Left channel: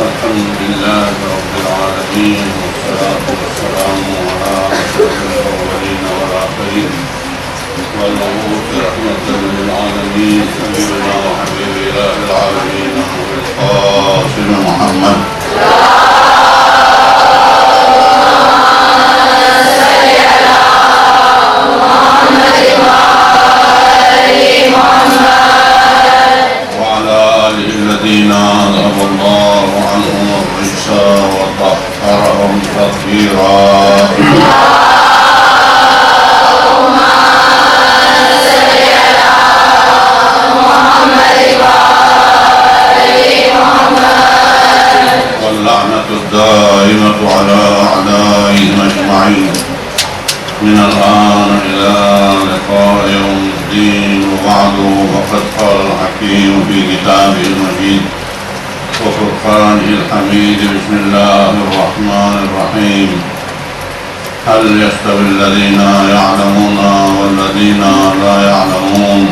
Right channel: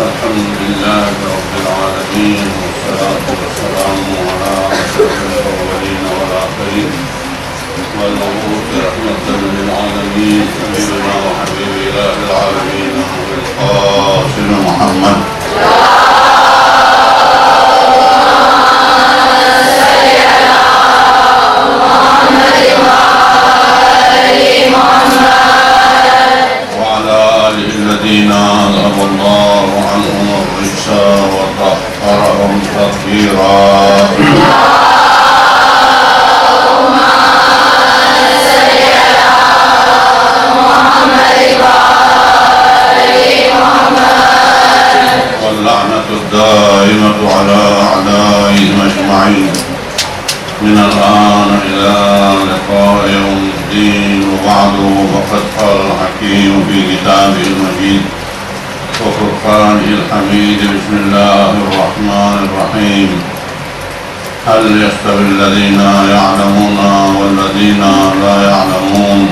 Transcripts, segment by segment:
الحمد لله رب العالمين والصلاة والسلام على أشرف الأولين والآخرين والمبعوث رحمة للعالمين سيدنا وحبيب إله العالمين أبي القاسم محمد الذين أذهب الله عنهم الرجس وطهرهم تطهيرا اللهم صل على محمد وآل محمد واللعنة الدائمة على أعدائهم أجمعين من الآن إلى لقاء يوم الدين وبعد فقد قال الحكيم في كتابه المجيد وفرقانه الحميد بسم الله الرحمن الرحيم هل يستوي الذين يعلمون والذين لا يعلمون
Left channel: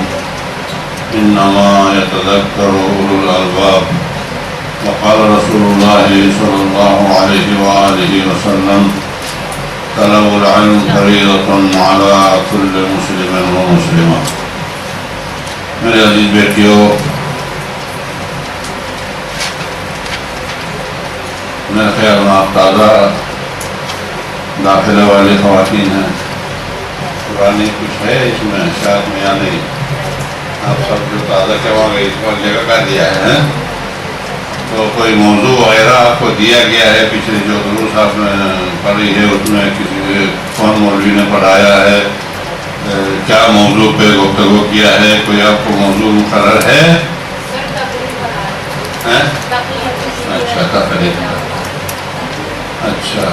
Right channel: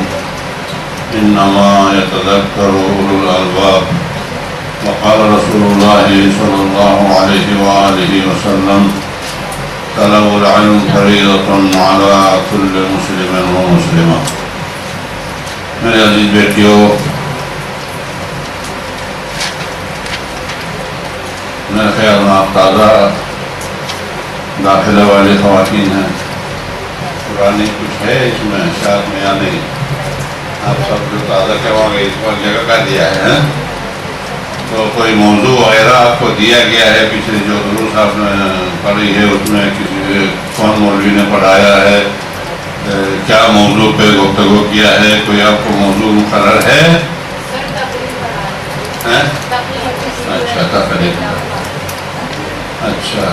إنما يتذكر أولو الألباب وقال رسول الله صلى الله عليه وآله وسلم طلب العلم فریضۃ علی کل مسلم و مسلمہ. میرے عزیز بیٹیوں، میرے خیال میں آپ تازہ داخلہ والی خواتین ہیں. پرانی کچھ ہے اس میں شاید میں یا نہیں؟ آپ سب جو تازہ کروا گئے اس پر جگہ کا دیا ہے تو کوئی موضوع وغیرہ آپ کو دیا گیا ہے؟ پچھلے جو دروس آپ نے پڑھی ہے اس میں کسی کون مولوی نے پڑھایا ہے؟ کیا موضوع پہ گفتگو کیا ہے؟ کوئی آپ کو موضوع مقرر ہے؟ اچھا تقلید. اچھا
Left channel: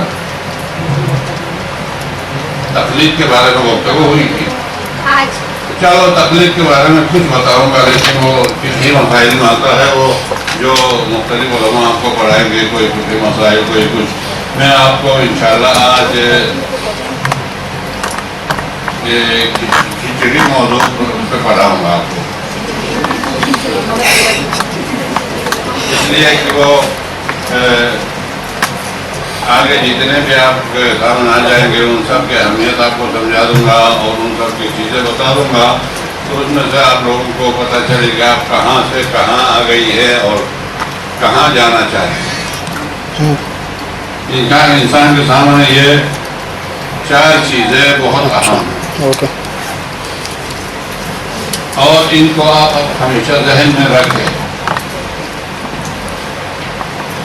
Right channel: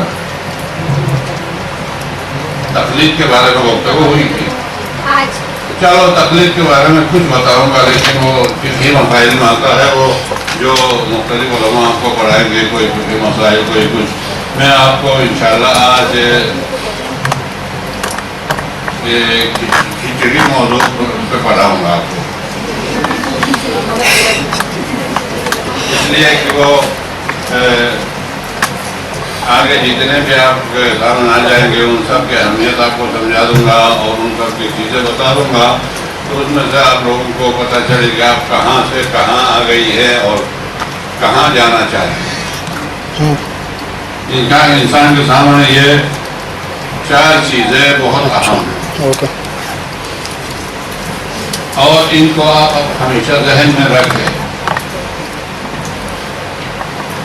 تقلید کے بارے میں گفتگو ہوئی تھی. چلو تقلید کے بارے میں کچھ بتاؤں گا، لیکن وہ کسی مسائل میں آتا ہے وہ جو مختلف علماء آپ کو پڑھائیں گے، کوئی کچھ مسائل کوئی کچھ. میں آپ کو انشاءاللہ آج کھچڑی موضوع پہ پڑھاؤں گا آپ کو، اس لیے کہ وہ آگے جتنے بھی آپ کے سامنے آ جائیں گے ان سب کی اہمیت آپ کو سمجھا دوں گا اور ان سب کی چیزیں بتا دوں گا، تو اس میں سے آپ لوگوں کو پتہ چلے گا آپ کہاں سے کہاں آ گئی ہے اور کہاں جانا چاہتے ہیں. انسان کے سامنے یہ چار چیزیں بہت اہم ہیں اور ان کو آپ ہمیشہ ذہن میں رکھیں.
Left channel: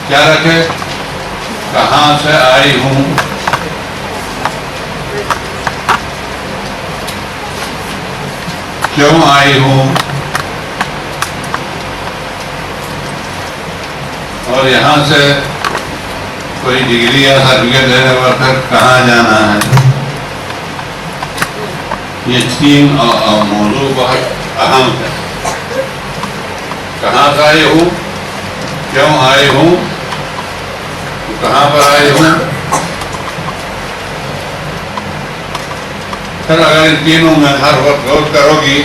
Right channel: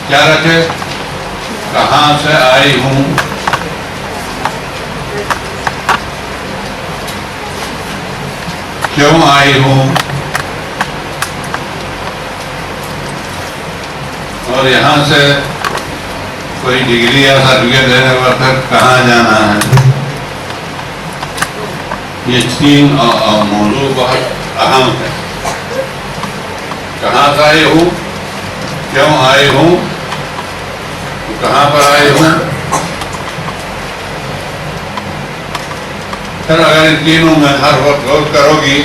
کیا رکھیں؟ کہاں سے آئی ہوں، کیوں آئی ہوں، اور یہاں سے کوئی ڈگری یا سرٹیفکیٹ لینے وقت کہاں جانا ہے. یہ تین موضوع بہت اہم ہے. کہاں سے آئی ہوں، کیوں آئی ہوں، کہاں پر آئی ہوں. پھر اگر ان تینوں میں ہر وقت غور کرو گی،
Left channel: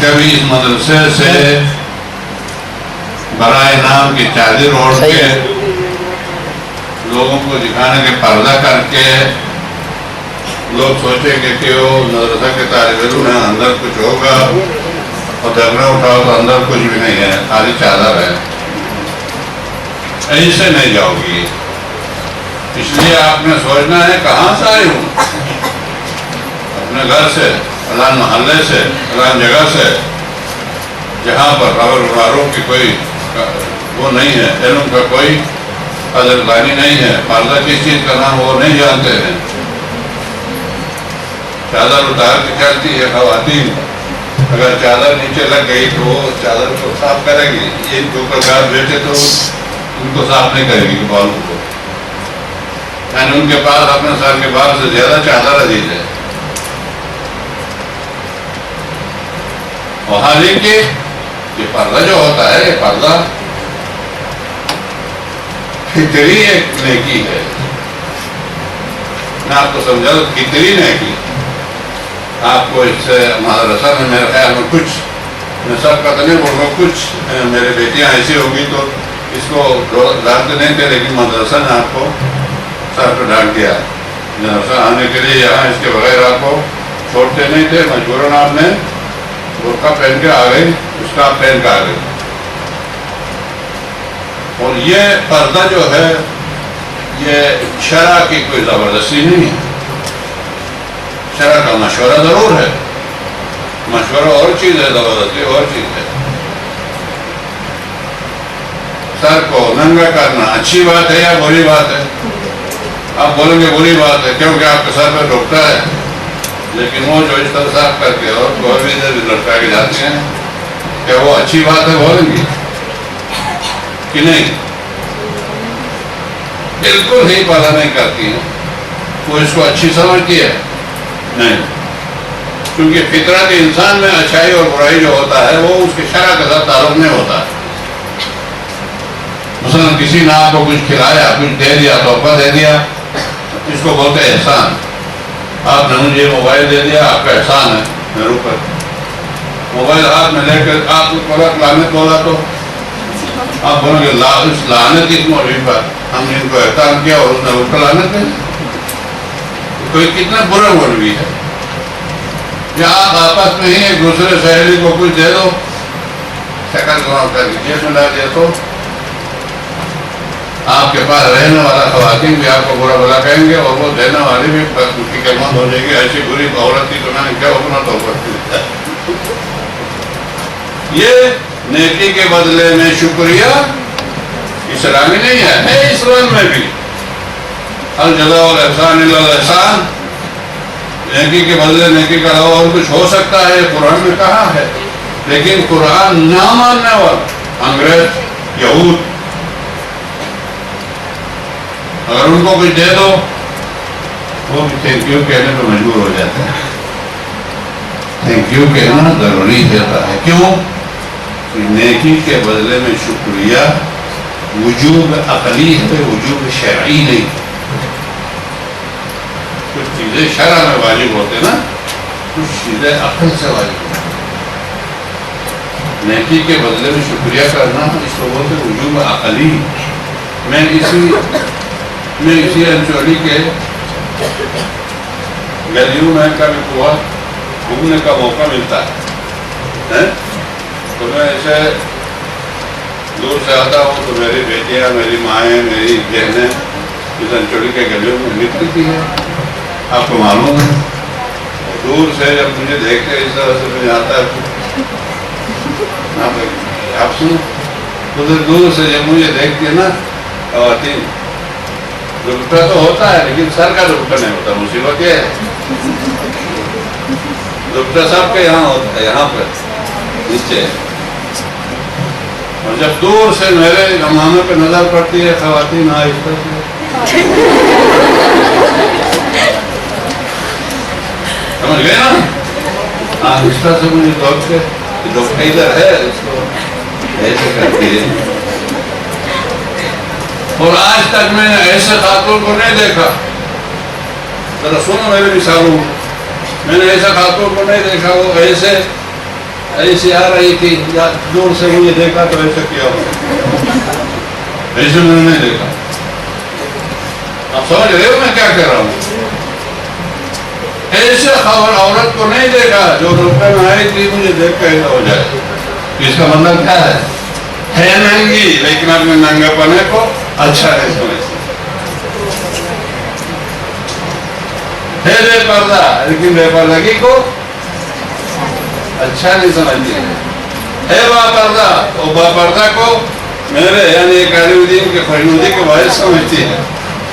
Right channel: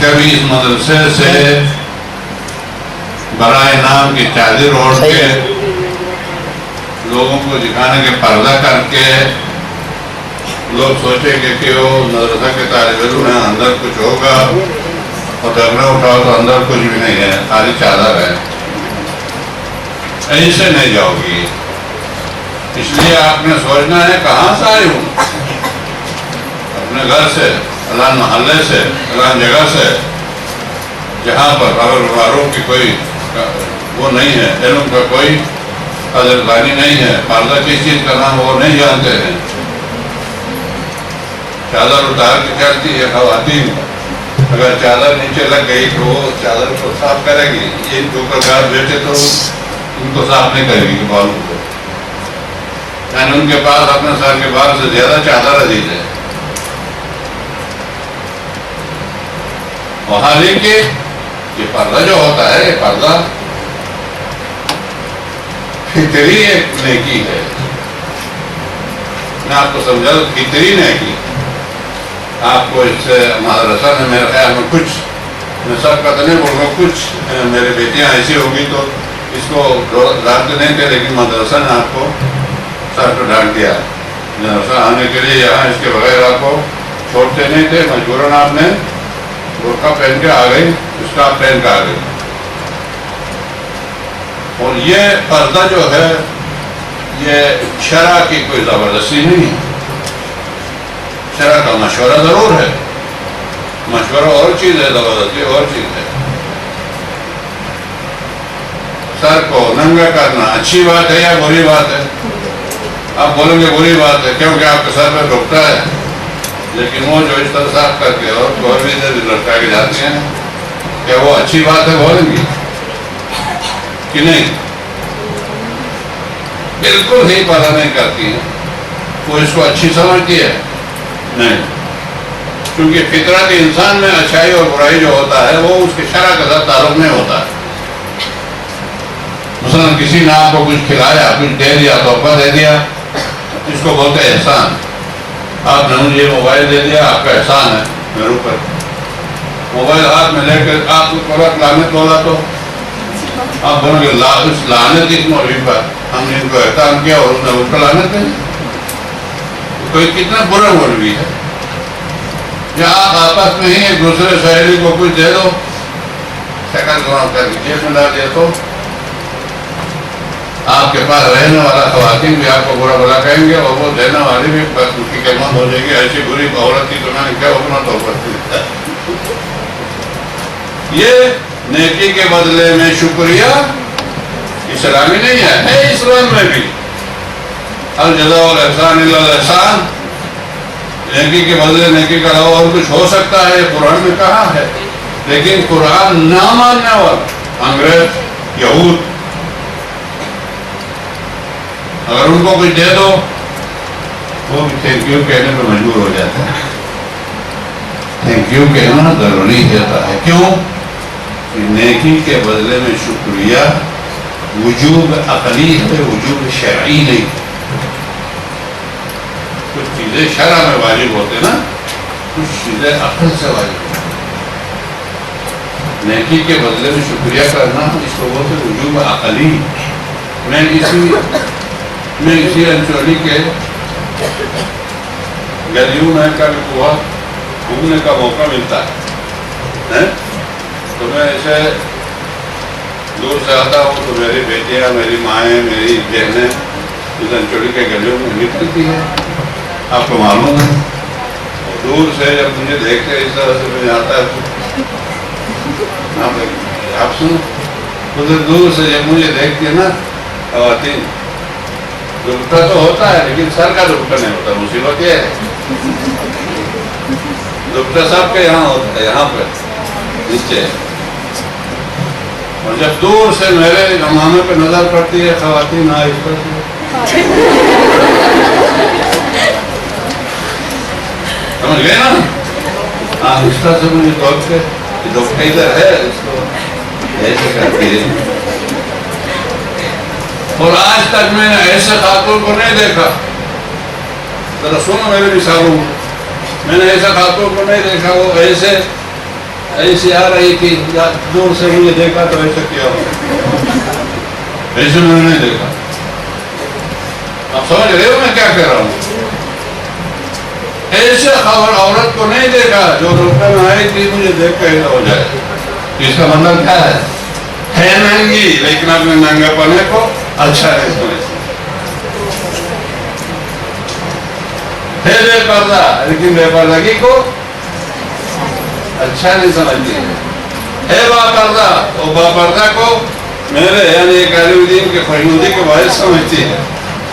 کبھی اس مدرسے سے برائے نام کی چادر اوڑھ کے لوگوں کو دکھانے کے پردہ کر کے لوگ سوچیں گے کہ وہ مدرسہ کے طالب علم ہیں، اندر کچھ ہوگا، اور جھگڑا اٹھاؤ تو اندر کچھ بھی نہیں ہے، خالی چادر ہے. ایسے نہیں جاؤ گی. اس لیے آپ نے سوچنا ہے کہاں سے آئی ہوں، اپنے گھر سے، فلاں محلے سے، فلاں جگہ سے، جہاں پر خبر معروف کی کوئی وہ نہیں ہے، علم کا کوئی قدردانی نہیں ہے، پردہ کس چیز کا نام وہ نہیں جانتے ہیں. چادر اتار کے چلتی ہے خواتین، اگر چادر نیچے لگ گئی تو وہ چادر کو صاف کرے گی. یہ جو پرکار بیٹھے تو ان کو صاف نہیں کرے گی بالوں کو، یعنی ان کے پاس اپنے سر کے بال سے زیادہ چادر عزیز ہے. اور حالانکہ یہ پردہ جو ہوتا ہے، یہ پردہ فطری ایک نیکی ہے. میں آپ کو سمجھا دوں فطری نیکی. آپ کو اس سے مدرسہ میں میرے خیال میں کچھ، میں سب کا تو نہیں بول رہا ہوں، کچھ میرے بیٹیاں ایسی ہوگی تو اس کو ڈانٹتے نہیں تھے، لیکن مدرسہ نے آپ کو سر پہ ڈانٹ دیا. مدرسہ آنے کے لیے یہاں اس کے بغیر آپ کو چھوڑتے نہیں تھے. مجبوراً آپ نے برقع پہن کے آ گئی، اسکارف پہن کے آ گئی. اور یہ پردہ جو ہے یہ شرع کی کوئی زبردستی نہیں ہے. شرع کا مشورہ ضرور ہے، مشورہ اور چیز ہے، زبردستی اور چیز ہے. سر کو ننگا کرنا اچھی بات ہے یا بری بات ہے؟ آپ بولیں گے بری بات ہے، کیونکہ آپ کے سر پہ ڈھکتا ہے. لیکن وہ جو اس طرح صاف کر کے اور کوئی بھی لٹکا کے جاتی ہیں، کیا وہ اچھی بات ہے بولیں گی کہ نہیں؟ بالکل ہی پردہ نہیں کرتی ہیں. وہ اس کو اچھی سمجھتی ہے؟ نہیں. کیونکہ فطرت انسان میں اچھائی اور برائی جو ہوتا ہے وہ اس کے شرع کے ساتھ تعلق نہیں ہوتا ہے. مثلا کسی نے آپ کو کچھ کھلایا، کچھ دے دیا، تحفہ دے دیا، اس کو بولتے ہیں احسان. آپ نے مجھے موبائل دے دیا، آپ کا احسان ہے میرے اوپر. موبائل ہاتھ میں لے کر آپ کو لعنت بولا تو آپ بولیں گے اس لعنت اس مولوی پر ہم نے ان کو احسان کیا اور اس نے اس کو لعنت دی. کوئی کتنا برا مولوی ہے. یا آپ آپس میں ہی ایک دوسرے سہیلی کو کچھ دے دو، شکل گوام کر کے جیب میں لا دیا، تو آپ کے پاس رہنے والا خواتین بھی آپ کو برا بلا کہیں گے اور وہ دینے والی بھی اس کی قیمت ہو جائے گی. ایسی بری عورت تھی تو میں نے کیا حکم تو کرتی. یہ نیکی کے بدلے میں شکریہ اسلامی نہیں ہے اسلام میں بھی الجزاء والاحسان الا الاحسان. نیکی کے بدلے نیکی کا علاوہ اور کچھ ہو سکتا ہے، قرآن میں کہا ہے. لیکن قرآن نہ ماننے والا انگریز، یہود، اگر ان کو کچھ دے دو وہ بھی تھینک یو کہنے پہ مجبور ہو جاتے ہیں. تھینک یو کہنا ضروری ہوتا ہے. کیوں؟ کہ نیکی کے بدلے میں شکریہ وجوب عقلی ہے، وجوب شرعی نہیں. کچھ چیزیں شرع میں واجب ہوتے نا، کچھ چیزیں عقل سے واجب ہوتے. نیکی کے بدلے میں شکریہ کرنا اس کو بولتے وجوب عقلی. میں اسی انچولی کے گلیوں میں کبھی ہوا گھومنے کا موقع ملتا ہے تو میں ایسے دور سے آتا ہوں تو میری بیٹیاں، میری مائیں، میری بہنیں اس انچولی کے گلیوں میں نکلتی ہیں. آپ کو معلوم ہے دور سے جب مجھے دیکھتے اس طرح سے میں آتا ہے آپ سنو، ادھر دور سے جب مجھے دیکھتی ہے نا خواتین، دوپٹہ تو ہوتا ہے لیکن سر کا دوپٹہ نہیں ہوتا. مصیبت یہ ہے دوپٹہ سب کے یہاں ہوتا ہے، یہاں پہ نیچے. اور جب دور سے میرے زمانے پہ نظر پڑتی ہے خواتین آہستہ سے سمجھ گئے نا، آہستہ سے مجھے دوڑ کے دوپٹہ ادھر ہے اس کو ایسے کرتی ہے. اور آج تک میں نے ایسے خاتون کو نہیں دیکھا. ذرا سنو میرے مثالوں، میں نے ایسے خاتون کو نہیں دیکھا. وہ ایسے آ رہی تھی یا دور سے مجھے دیکھا تو ایسے کیا ہو، ایسے میں نے نہیں دیکھا. آپ سمجھ رہے ہو میں کیا کہہ رہا ہوں؟ ایسے عورت کو نہیں دیکھا جو ڈاکٹر میں آئی تھی مجھے دیکھ کے ہو جائے. اس کا مطلب کیا ہے ننگی لیکن اپنے ننگا پنے کو اچھا نہیں سمجھتی. ہے بے پردہ لیکن بے پردگی کو اچھا نہیں سمجھتی. ہے با پردہ اور با پردہ کو میرے یعنی ایک عالم دین کے خوشنودی کے باعث سمجھتی ہے.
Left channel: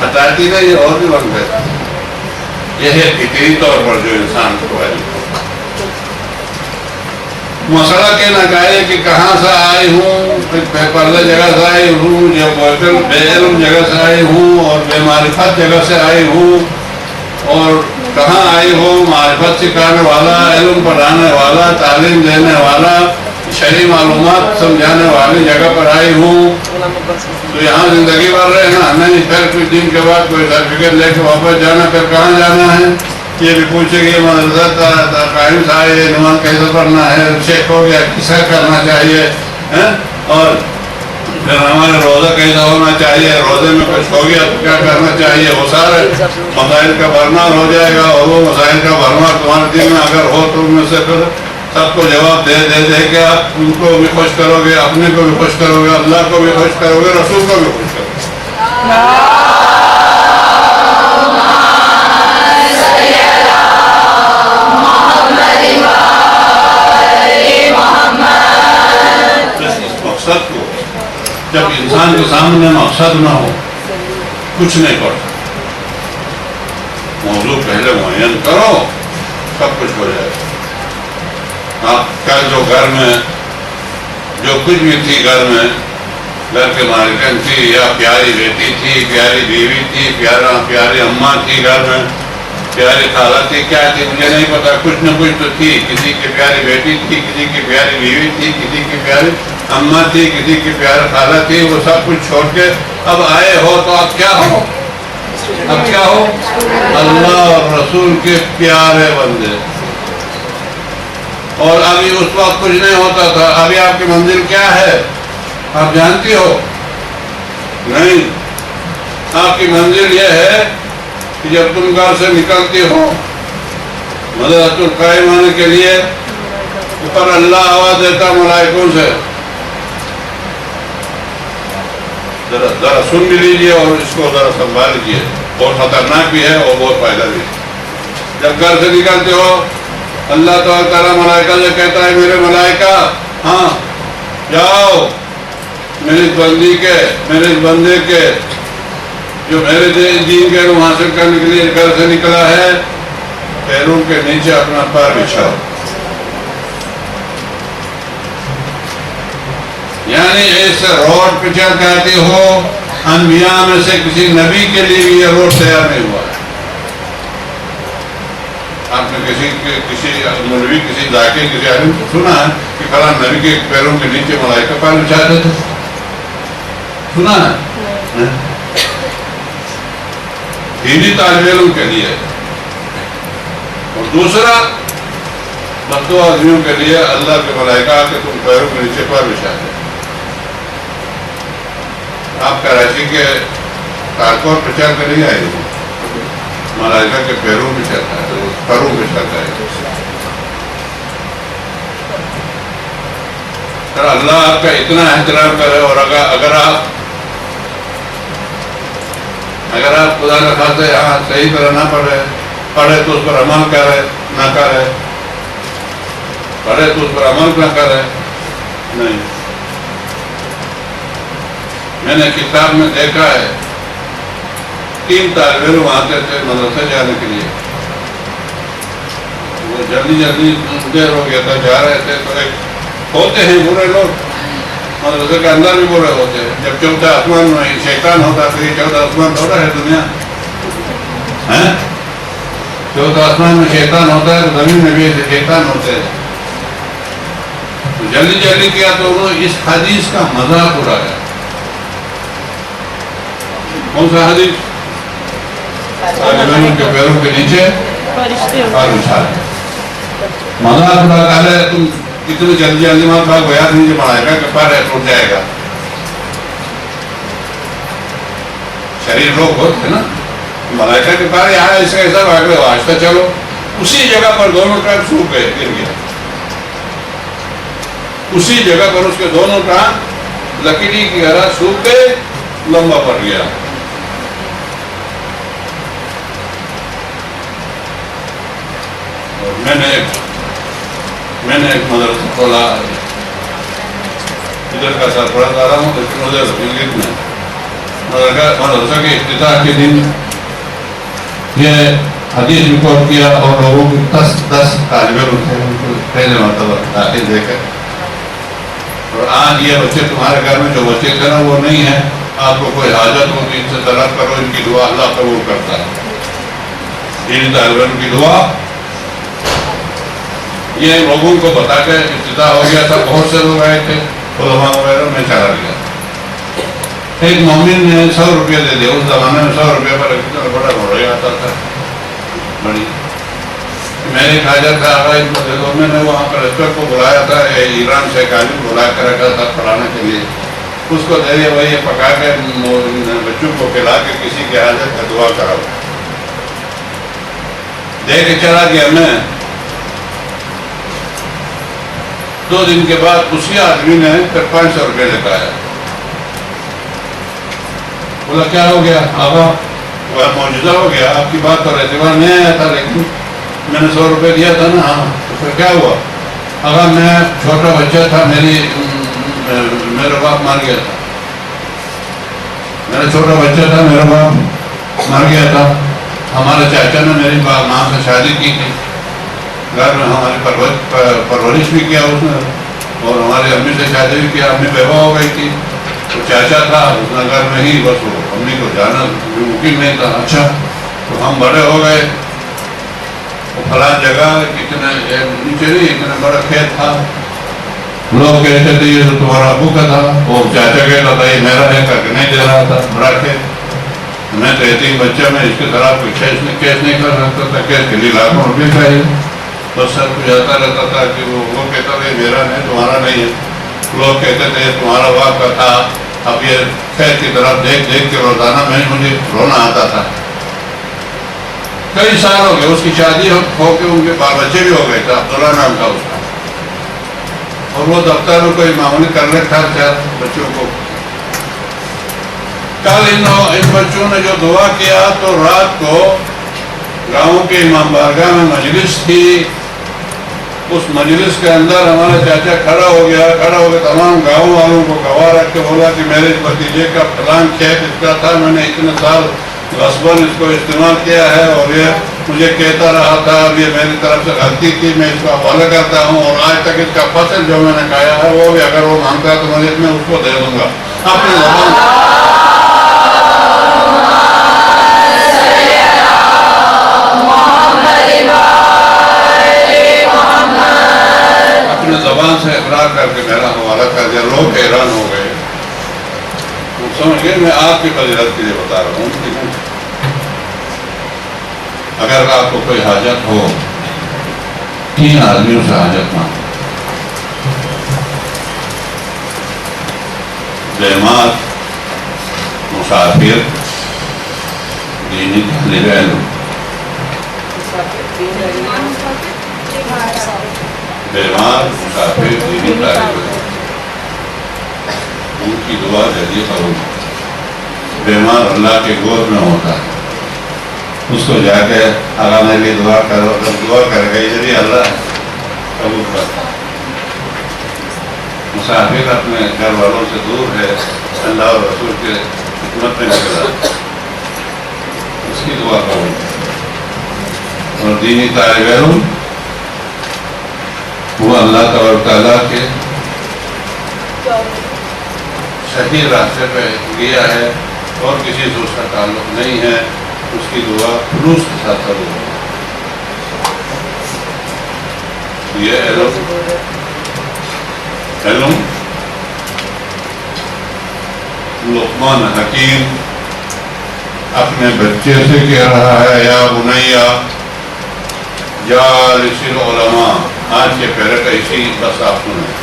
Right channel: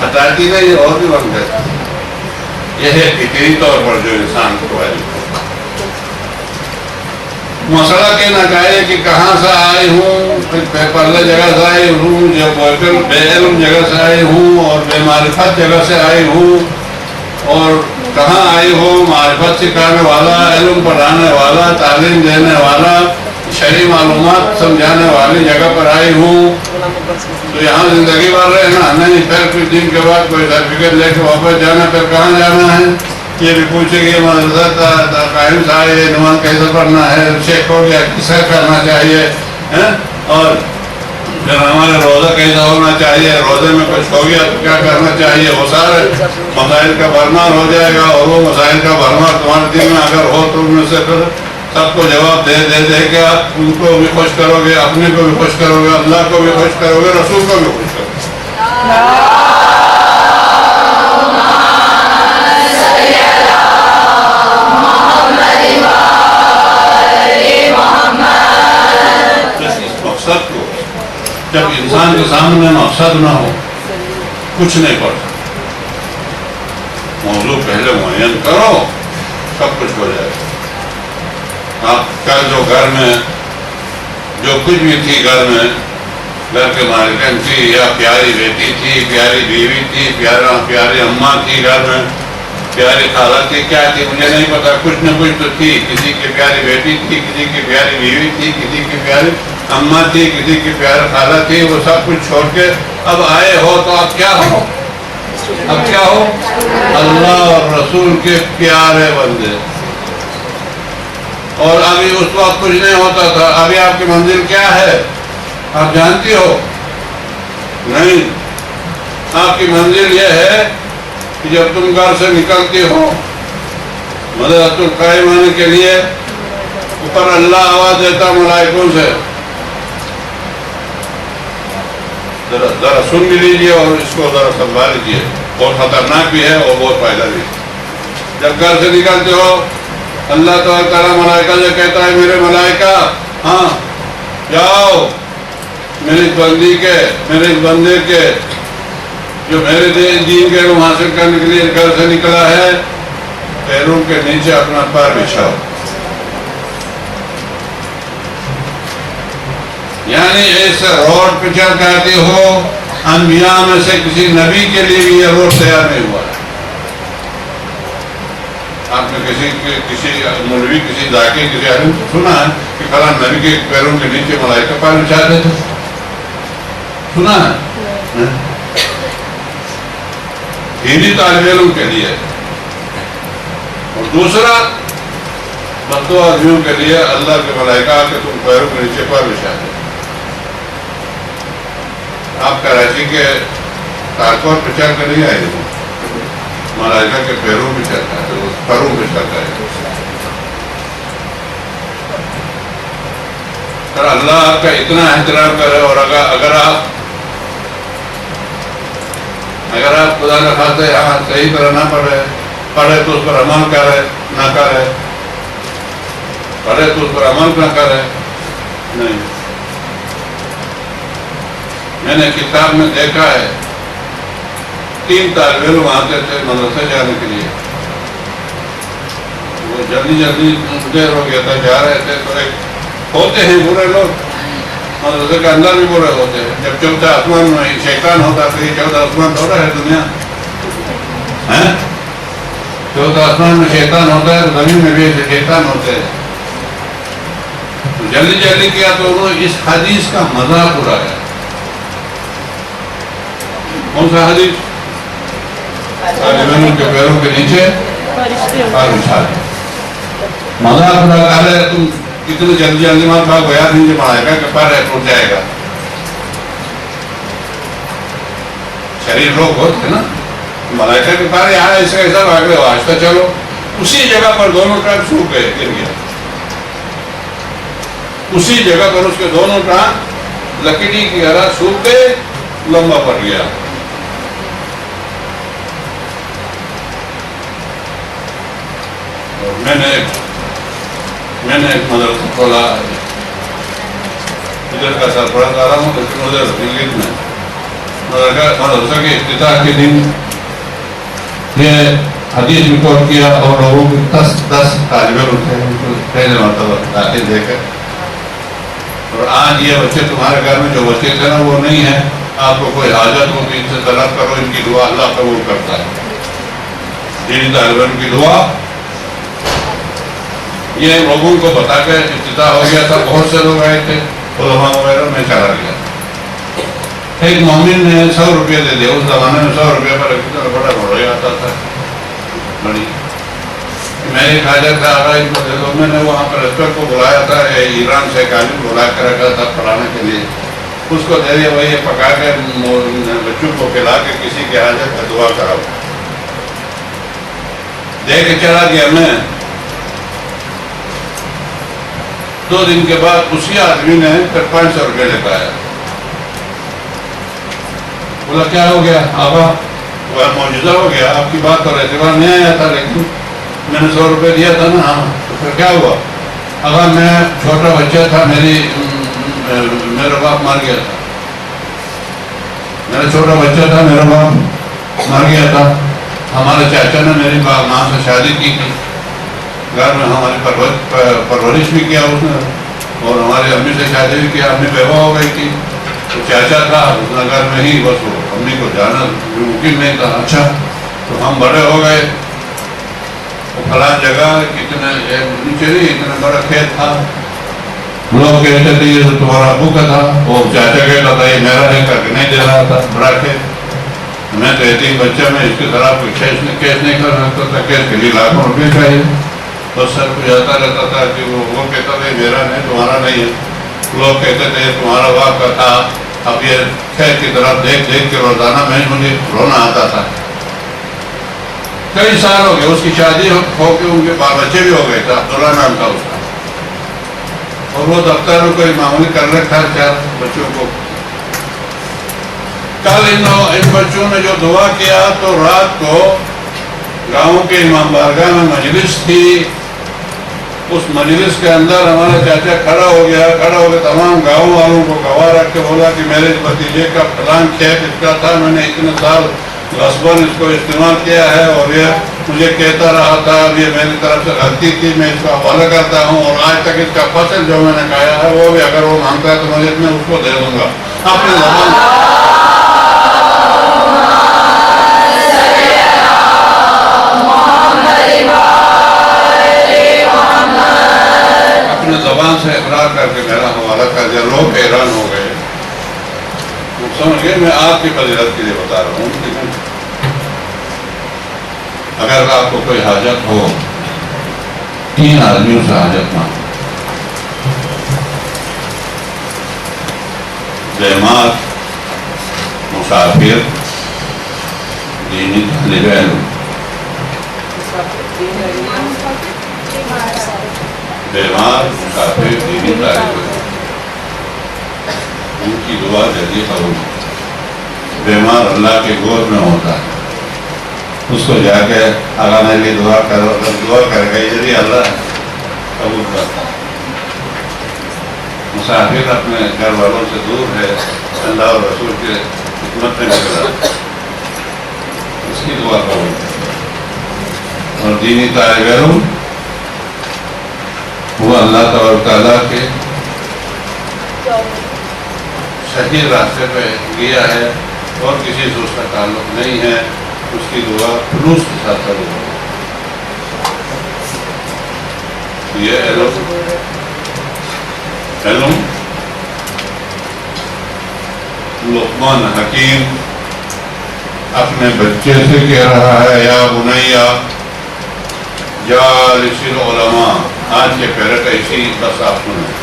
ہٹاتی نہیں اور بھی بن گئے. یہ ہے فطری طور پر جو انسان کو ہے. مسئلہ کہنا چاہیے کہ کہاں سے آئی ہوں، بے پردہ جگہ سے آئی ہوں، بے علم جگہ سے آئی ہوں اور بے معرفت جگہ سے آئی ہوں، اور کہاں آئی ہوں معرفت سکھانے والا، علم پڑھانے والا، تعلیم دینے والا، شرعی معلومات سمجھانے والی جگہ پر آئی ہوں. تو یہاں زندگی بھر رہنا نہیں، پھر کچھ دن کے بعد کوئی سرٹیفکیٹ لے کے واپس جانا. پھر کہاں جانا ہے یہ بھی پوچھے گی. مدرسہ قائم سے آئے، نماز کیسے پڑھنا ہے، چیک ہو گیا، کس کا کرنا چاہیے، اور پھر ہمارے کیسا ہونا چاہیے، روزے میں کچھ ہو گیا تو کیا کرنا چاہیے، وہ سارے مسائل کا برمار ہو جائے گا، اور وہ مسائل کا برمار تمہارے دل میں اگر ہو تو ان میں سے پھر سب کو جواب دے کے آپ ان کو بھی خوش کرو گے، اپنے کو بھی خوش کرو گے، اللہ کو بھی خوش کرو گے، رسول کو بھی خوش کرو گے۔ مقصد کو جب انسان کے سامنے مقصد نہ ہو کچھ نہیں پڑتا، موضوع پہلے معین کرو سب کچھ ہو جائے گا۔ آپ کا جو گھر میں جو کچھ بھی تھی، گھر میں گھر کے مالکن تھی یا پیاری بیٹی تھی، پیاری بیوی تھی، پیاری اماں تھی، گھر میں پیاری خالہ تھی، کیا تھی مجھے نہیں پتا، کچھ نہ کچھ تو تھی، کسی کی پیاری بیٹی تھی، کسی کی پیاری بیوی تھی، کسی کی پیاری اماں تھی، کسی کی پیاری خالہ تھی، وہ سب کچھ چھوڑ کے اب آئے ہو تو اب کیا ہو، اب کیا ہو، اللہ اور رسول کے پیارے بندے۔ اور ابھی اس وقت کچھ نہیں ہوتا تھا، ابھی آپ کی منزل کیا ہے آپ جانتی ہو؟ نہیں، آپ کی منزل یہ ہے کہ جب تم گھر سے نکلتی ہو مدرسۃ القائم آنے کے لیے، اوپر اللہ آواز دیتا ملائکوں سے، ذرا سن بھی لیجیے اور اس کو ذرا سنبھال لیجیے، بہت خطرناک بھی ہے اور بہت فائدہ بھی ہے۔ جب گھر سے نکلتے ہو اللہ تعالیٰ ملائکہ سے کہتا ہے میرے ملائکہ ہاں جاؤ میرے بندے کے جو میرے دین کے علم حاصل کرنے کے لیے گھر سے نکلا ہے، پیروں کے نیچے اپنا پیر بچھاؤ۔ یعنی ایسے روڈ پہ چل کہتے ہو، انبیاء میں سے کسی نبی کے لیے بھی یہ روڈ تیار نہیں ہوا ہے۔ آپ نے کسی مولوی، کسی ذاکر، کسی عالم سنا ہے کہ فلاں نبی کے پیروں کے نیچے ملائکہ پیر بچھاتے تھے؟ سنا ہے؟ دینی طالب علم کے لیے، اور دوسرا مردو آدمیوں کے لیے اللہ کے ملائکہ کہ تم پیروں کے نیچے پیر بچھاتے۔ آپ کراچی کے تارکور پہ چل کر نہیں آئے ہو، ملائکہ کے پیروں پہ چلتا ہے، پیروں پہ چلتا ہے۔ اللہ آپ کا اتنا احترام کرے، اور اگر آپ خدا نہ خاصے یہاں صحیح طرح نہ پڑھے تو اس پر عمل کرے نہ کرے، پڑھے تو اس پر عمل نہ کرے، نہیں۔ میں نے کتاب میں دیکھا ہے 3 طالب علم آتے تھے مدرسے جانے کے لیے، وہ جلدی دیر ہو گیا تھا، جا رہے تھے تو ایک ہوتے ہیں برے لوگ، مدرسے کے اندر بھی برے ہوتے ہیں۔ جب چوتھے آسمان میں شیطان ہوتا تو یہ چوتھا آسمان تھوڑا ہے دنیا، چوتھا آسمان میں شیطان ہوتا ہے تو زمین میں بھی ایسے شیطان ہوتے ہیں۔ جلدی کیا تو انہوں نے اس حدیث کا مذاق اڑایا۔ کون سا حدیث؟ طالبانوں کے پیروں کے نیچے پیر بچھا لے، مذاق اڑا رہے تم اتنے جلدی مار بھاگ بیان نیچے بڑھائے گا کہ پیر ٹوٹ جائے گا۔ شریر روگ ہوتے نا، ملائکہ کے پیر یہاں ایسا بھاگ رہے ہو، آہستہ چلو، اسی جگہ پر دونوں ٹانگ سوکھ گئے، گر گیا، اسی جگہ پر اس کے دونوں ٹانگ لکڑی کی طرح سوکھ گئے، لمبا پڑ گیا۔ میں نے ایک مدرسہ کھولا، ادھر کا سرپرست آ رہا ہوں، لیکن ادھر انگلش میں مدرسہ کے افتتاح کے دن یہ حدیث ریکارڈ کیا، اور لوگوں کو 10 طالب علم تھے پہلے مرتبہ داخل دے کر، اور آج یہ بچے تمہارے گھر میں جو بچے تھے نا وہ نہیں ہے، آپ کو کوئی حاجت ہو تو ان سے طلب کرو، ان کی دعا اللہ قبول کرتا ہے۔ ان طالب علم کی دعا یہ لوگوں کو بتا کے افتتاح ہو گیا تھا، بہت سے لوگ آئے تھے، علماء وغیرہ، میں چلا گیا۔ ایک مومن نے 100 روپے دے دیا، اس زمانے میں 100 روپے پر کتنا بڑا گھوڑا آتا تھا، بڑی میری حاجت تھا، ان کو دے دو۔ میں نے وہاں پر اسپیکر کو بلایا تھا، ایران سے ایک عالم بلا کے رکھا تھا پڑھانے کے لیے، اس کو دے دیا وہی پکا کے بچوں کو کھلا کے کسی کی حاجت کا دعا کراؤ. دے کے چلا گیا. میں 2 دن کے بعد اسی آدمی نے پھر 500 روپے لیتا آیا. بولا کیا ہو گیا آبا؟ وہ معجزہ ہو گیا. آپ کی بات تو اعتبار نہیں آیا تھا لیکن میں نے 100 روپے دیا تھا نا. ہاں. تو پھر کیا ہوا؟ اگر میں چھوٹا بچہ تھا, میرا باپ مر گیا تھا. میرا چھوٹا بچہ تھا, میرا باپ مر گیا تھا. ہمارے چاچا نے میری ماں سے شادی کی تھی. گھر میں ہماری پرورش بھی کیا اس نے, اور ہماری امی سے شادی بھی کیا. امی بیوہ ہو گئی تھی. تو چاچا تھا اس نے گھر میں ہی, بس وہ امی کو جانا ممکن نہیں تھا. اچھا تو ہم بڑے ہو گئے. وہ فلاں جگہ اتنے نیچے نہیں, اتنا بڑا کھیت تھا. لوگ کہتے تھے یہ تو تمہارا ابو کا تھا. وہ چاچا کہتا تھا یہ میرا ہے کر کے نہیں دے رہا تھا. بڑا کھیت. میں تو 3 بچہ میں اس کے خلاف کیس نہیں کر سکتا تھا. کیس کے لیے لاکھوں روپے چاہیے. بس سر کچھ آتا رہتا تھا کہ وہ کہتا تھا میرا نہیں تمہارا نہیں ہے. لوگ کہتے تھے تمہارا باپ کا تھا. اب یہ کھیت کی طرف دیکھ دیکھ کے روزانہ مجھے رونا آتا تھا. کئی سال ہو گئے. اس کی شادی ہو کے ان کے بال بچے بھی ہو گئے تھے. عبداللہ نام تھا اس کا. اور وہ دفتر میں کوئی معمولی کر رکھا 4 بچوں کو. کل ان بچوں نے جو دعا کیا تو رات کو گاؤں کے امام بارگاہ میں مجلس تھی. اس مجلس کے اندر ہمارا چاچا کھڑا ہو گیا. تمام گاؤں والوں کو گواہ رکھ کے بولا کہ میرے بھتیجے کا فلان کھیت اس کا تھا. میں نے اتنے سال غصباً اس کو استعمال کیا ہے اور یہ مجھے کہتا رہا تھا. اب یہ میری طرف سے غلطی تھی. میں اس کو حوالہ کرتا ہوں اور آج تک اس کا فصل جو میں نے کھایا ہے وہ بھی اگر وہ مانگتا ہے تو میں اس کو دے دوں گا. اپنے زبان سے اقرار کر کے میرا حوالہ کر دیا. لوگ حیران ہو گئے. سمجھ گئے میں آپ کی فضیلت کے لیے بتا رہا ہوں. اگر آپ کو کوئی حاجت ہو 3 آدمیوں سے حاجت مانگو. بیمار, مسافر, دینی طالب علم. بیمار, مسافر, دینی طالب علم, ان کی دعا جلدی قبول. بیمار اللہ کے گود میں ہوتا ہے. اس کو جا کے اللہ نے بھی دعا کرو, دعا کر گئی جبھی اللہ قبول کرتا. مسافر اپنے گھر والوں سے دور ہے, اللہ اور رسول کے خدمت میں نکلا, اس کی دعا قبول. اور دینی طالب علم وہ اللہ تبارک تعالیٰ کے صحیح راستے پہ گیا ہے اور کسی سے اس کا تعلق نہیں ہے. اس کی دعا خلوص کے ساتھ قبول ہو. یہ علم لقمان حکیم اپنے بچے سے کہہ رہا ہے, یا بنیا جالس العلماء. آج کے پیرٹ ایسی بس آپ سنیں.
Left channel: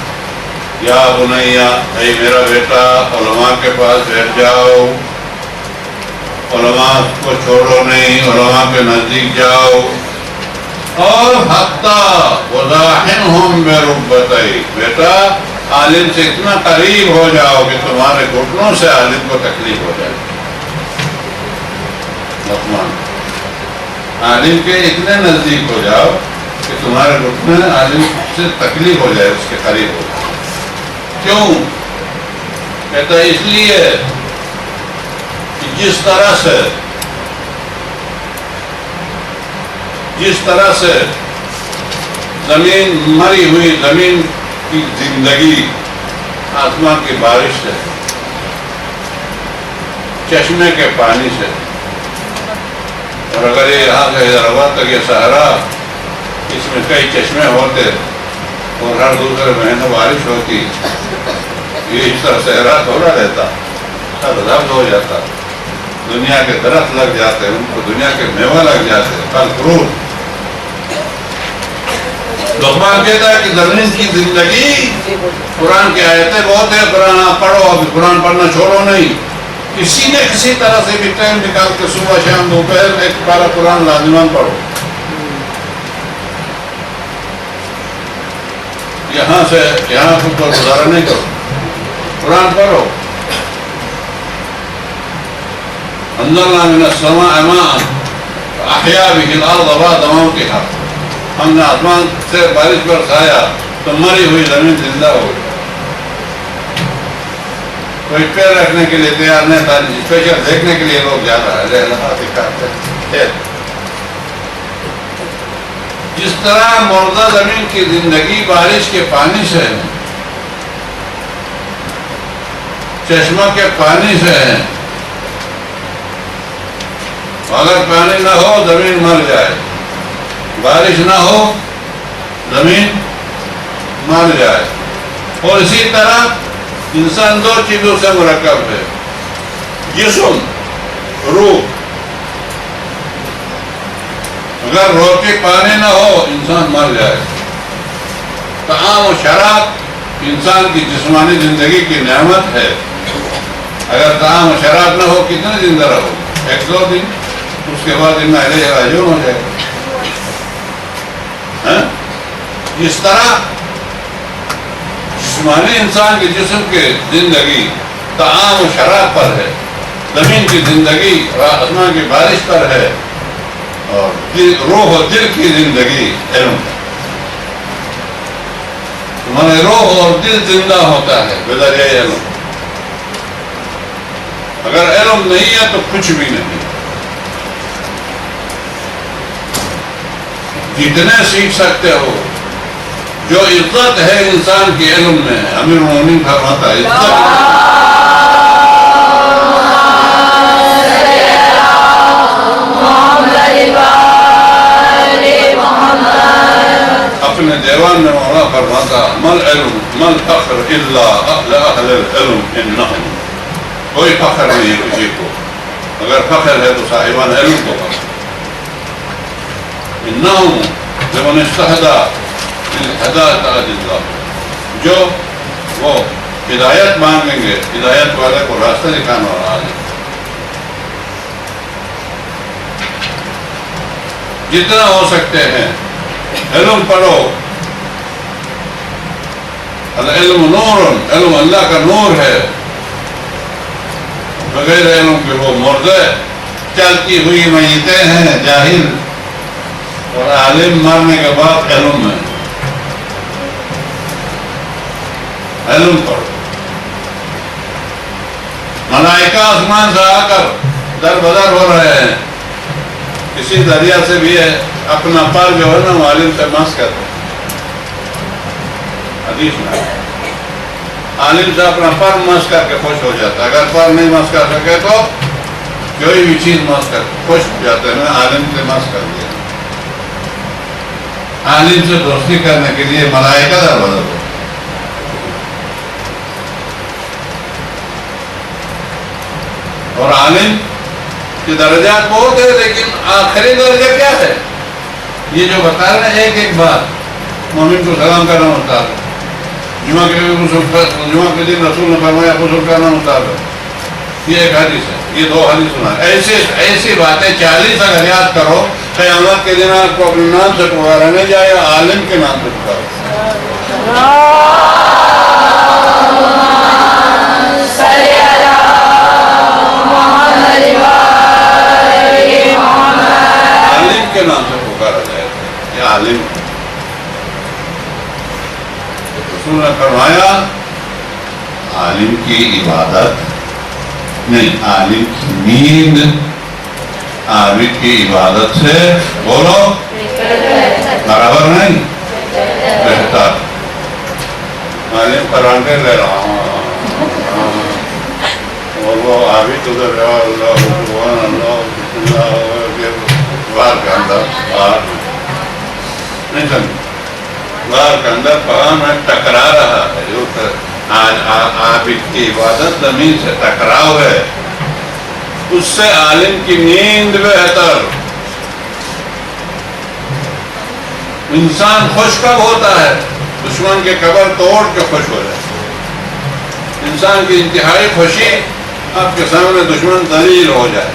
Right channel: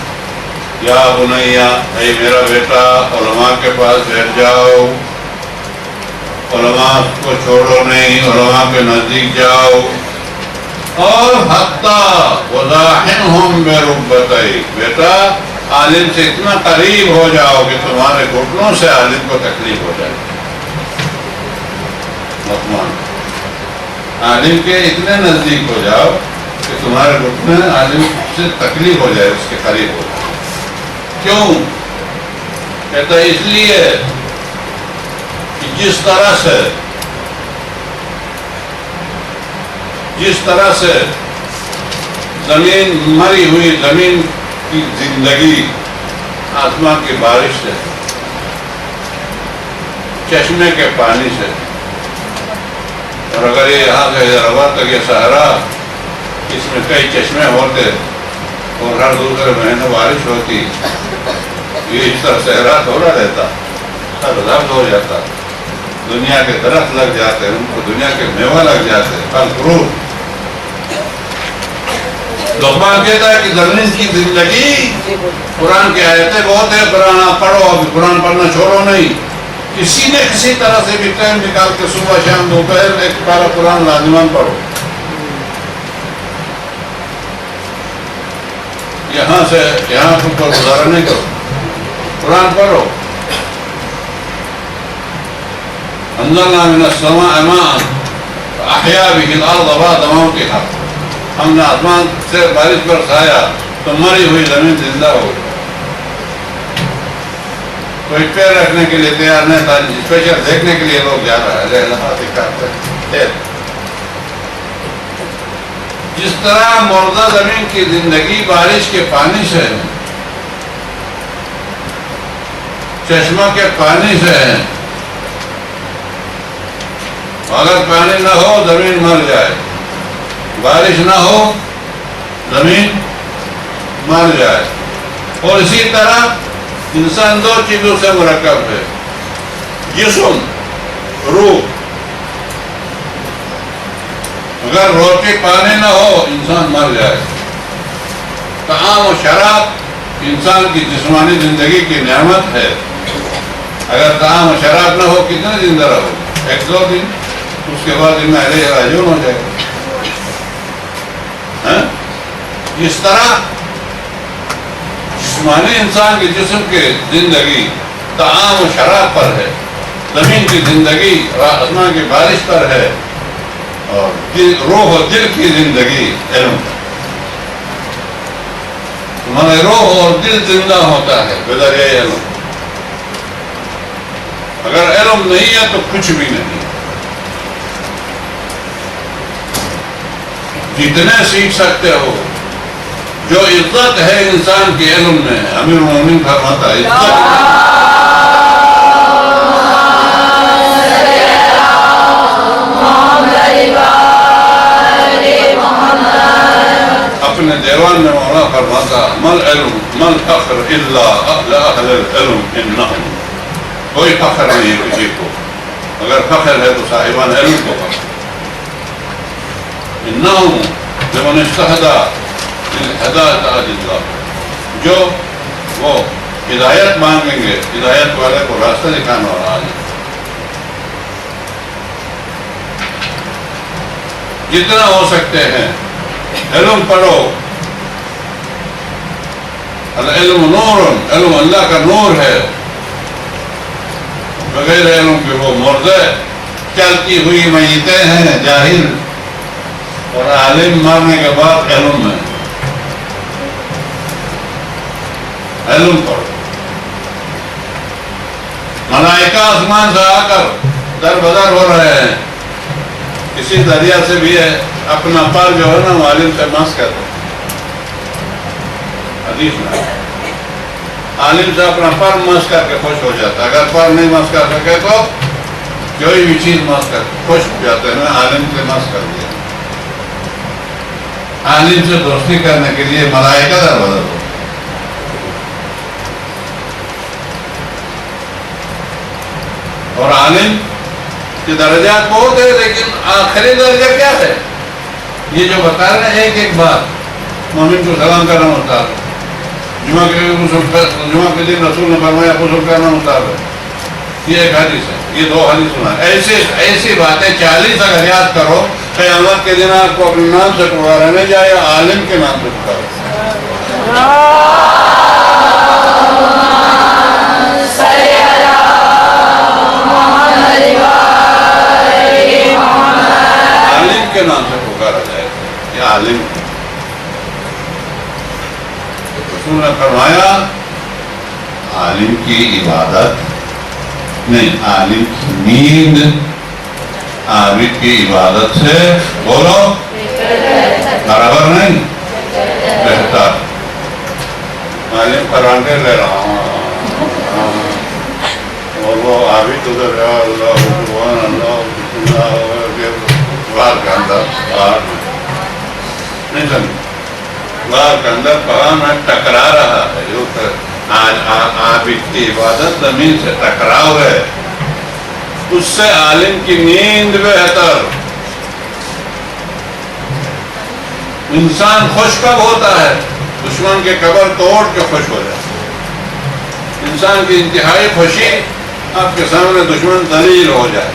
یا بنیا, اے میرا بیٹا علماء کے پاس بیٹھ جاؤ. علماء کو چھوڑو نہیں, علماء کے نزدیک جاؤ. اور حتی وضاحنہم برکبتیک, بیٹا عالم سے اتنا قریب ہو جاؤ کہ تمہارے گھٹنوں سے عالم کو تکلیف ہو جائے. لقمان, عالم کے اتنے نزدیک ہو جاؤ کہ تمہارے گھٹنے عالم سے تکلیف ہو جائے, اس کے قریب ہو جائے. کیوں کہتا ہے؟ اس لیے کہ جس طرح سے زمین مری ہوئی, زمین کی زندگی آسمان کی بارش سے, چشمے کے پانی سے, اور اگر یہ یہاں سے حیدرآباد تک یہ صحرا, اس میں کئی چشمے ہوتے اور ہر دوسرے مہینے بارش ہوتی, یہ اس طرح صحرا تھوڑا رہتا, سب ضبط ہو جاتا. دنیا کے درخت لگ جاتے, ان کو دنیا کے میوہ لگ جاتے, پھل فروٹ. لقمان کہتا ہے کہ زمین کی زندگی، قرآن کی آیتیں بہت ہے، قرآن آپ پڑھو، اب قرآن پڑھنا چھوڑو نہیں، کسی نے کسی طرح سے بھی ٹائم نکال کے صبح شام دوپہر ایک پارہ قرآن لازمان پڑھو، یہاں سے یہاں خود پر گزارا نہیں کرو، قرآن پڑھو۔ انزلنا من السماء ماء فاحیا به الارض بعد موتها، ہم نے آسمان سے بارش برسایا تو مری ہوئی زمین زندہ ہو گئی۔ کوئی پیر رکھنے کے لیے تیار نہیں تھا، اسپیشل دیکھنے کے لیے لوگ جا رہا ہے۔ جس طرح مردہ زمین کی زندگی بارش کے پانی سے ہے، چشمہ کے پانی سے ہے، اگر پانی نہ ہو زمین مر جائے، بارش نہ ہو زمین مر جائے۔ اور اسی طرح انسان دو چیزوں سے مرکب ہے، جسم، روح۔ اگر روٹی پانی نہ ہو انسان مر جائے۔ طعام و شراب انسان کی جسمانی زندگی کی نعمت ہے، اگر طعام و شراب نہ ہو کتنے زندہ رہو؟ ایک دو دن، اس کے بعد انا الیہ راجعون ہو جائے گا۔ جس طرح جسمانی انسان کے جسم کی زندگی طعام و شراب پر ہے، زمین کی زندگی آسمان کی بارش پر ہے، اور روح و دل کی زندگی علم۔ تمہارے روح اور دل زندہ ہوتا ہے بذریعہ علم۔ اگر علم نہیں ہے تو کچھ بھی نہیں۔ جتنے سیکھ سکتے ہو، جو عزت ہے انسان کے علم میں، امیر المومنین فرماتا ہے اپنے دیوان میں مولا فرماتا مل علم مل فخر الا اہل العلم انہم، کوئی فخر نہیں ہے کسی کو، اگر فخر ہے تو صاحبان علم کو فخر۔ انہم لمن استہدی للہدایۃ اللہ، جو وہ ہدایت مانگیں گے، ہدایت والے کو راستہ دکھانے والا ہے۔ جتنا ہو سکتے ہیں علم پڑھو، العلم نور، علم اللہ کا نور ہے، بغیر علم کے وہ مردے چلتی ہوئی میتیں ہیں، جاہل، اور عالم مرنے کے بعد علم ہے۔ علم پڑھو۔ ملائکہ آسمان سے آ کر در بدر ہو رہے ہیں، کسی دریا سے بھی ہے اپنا پر جو ہے نا وہ عالم سے مس کرتے ہیں، حدیث میں عالم سے اپنا پر مس کر کے خوش ہو جاتا ہے، اگر پر نہیں مس کر سکے تو کوئی بھی چیز مس کر خوش ہو جاتے ہیں، میں عالم سے مس کر دیا۔ عالم سے دوستی کرنے کے لیے ملائکہ در بدر ہو۔ اور عالم کے درجات بہت ہے، لیکن آخری درجہ کیا ہے؟ یہ جو بتا رہے ہیں ایک ایک بات، مومن کو سلام کرنا مستحب ہے، جمعہ کے دن رسول نے فرمایا غسل کرنا مستحب ہے، یہ ایک حدیث ہے، یہ دو حدیث سنا۔ ایسی باتیں 40 اگر یاد کرو، قیامت کے دن آپ کو اپنے نام سے پکارا نہیں جائے گا، عالم کے نام سے پکارو۔ عالم کے نام سے پکارا جائے گا، یہ عالم۔ رسول نے فرمایا عالم کی عبادت نہیں، عالم کی نیند عابد کی عبادت سے بولو برابر نہیں، بہتر۔ عالم قرآن کے لے رہا ہوں اور وہ عابد ادھر اللہ سبحان اللہ بسم اللہ غار کے اندر باہر نہیں سمجھ، غار کے اندر پہاڑ میں ٹکرا رہا ہے، جو عابد کی عبادت زمین سے ٹکراؤ ہے، اس سے عالم کی نیند بہتر، انسان خوش کب ہوتا ہے؟ دشمن کے قبر توڑ کے خوش ہو جائے. انسان کی انتہائی خوشی آپ کے سامنے دشمن ذلیل ہو جائے.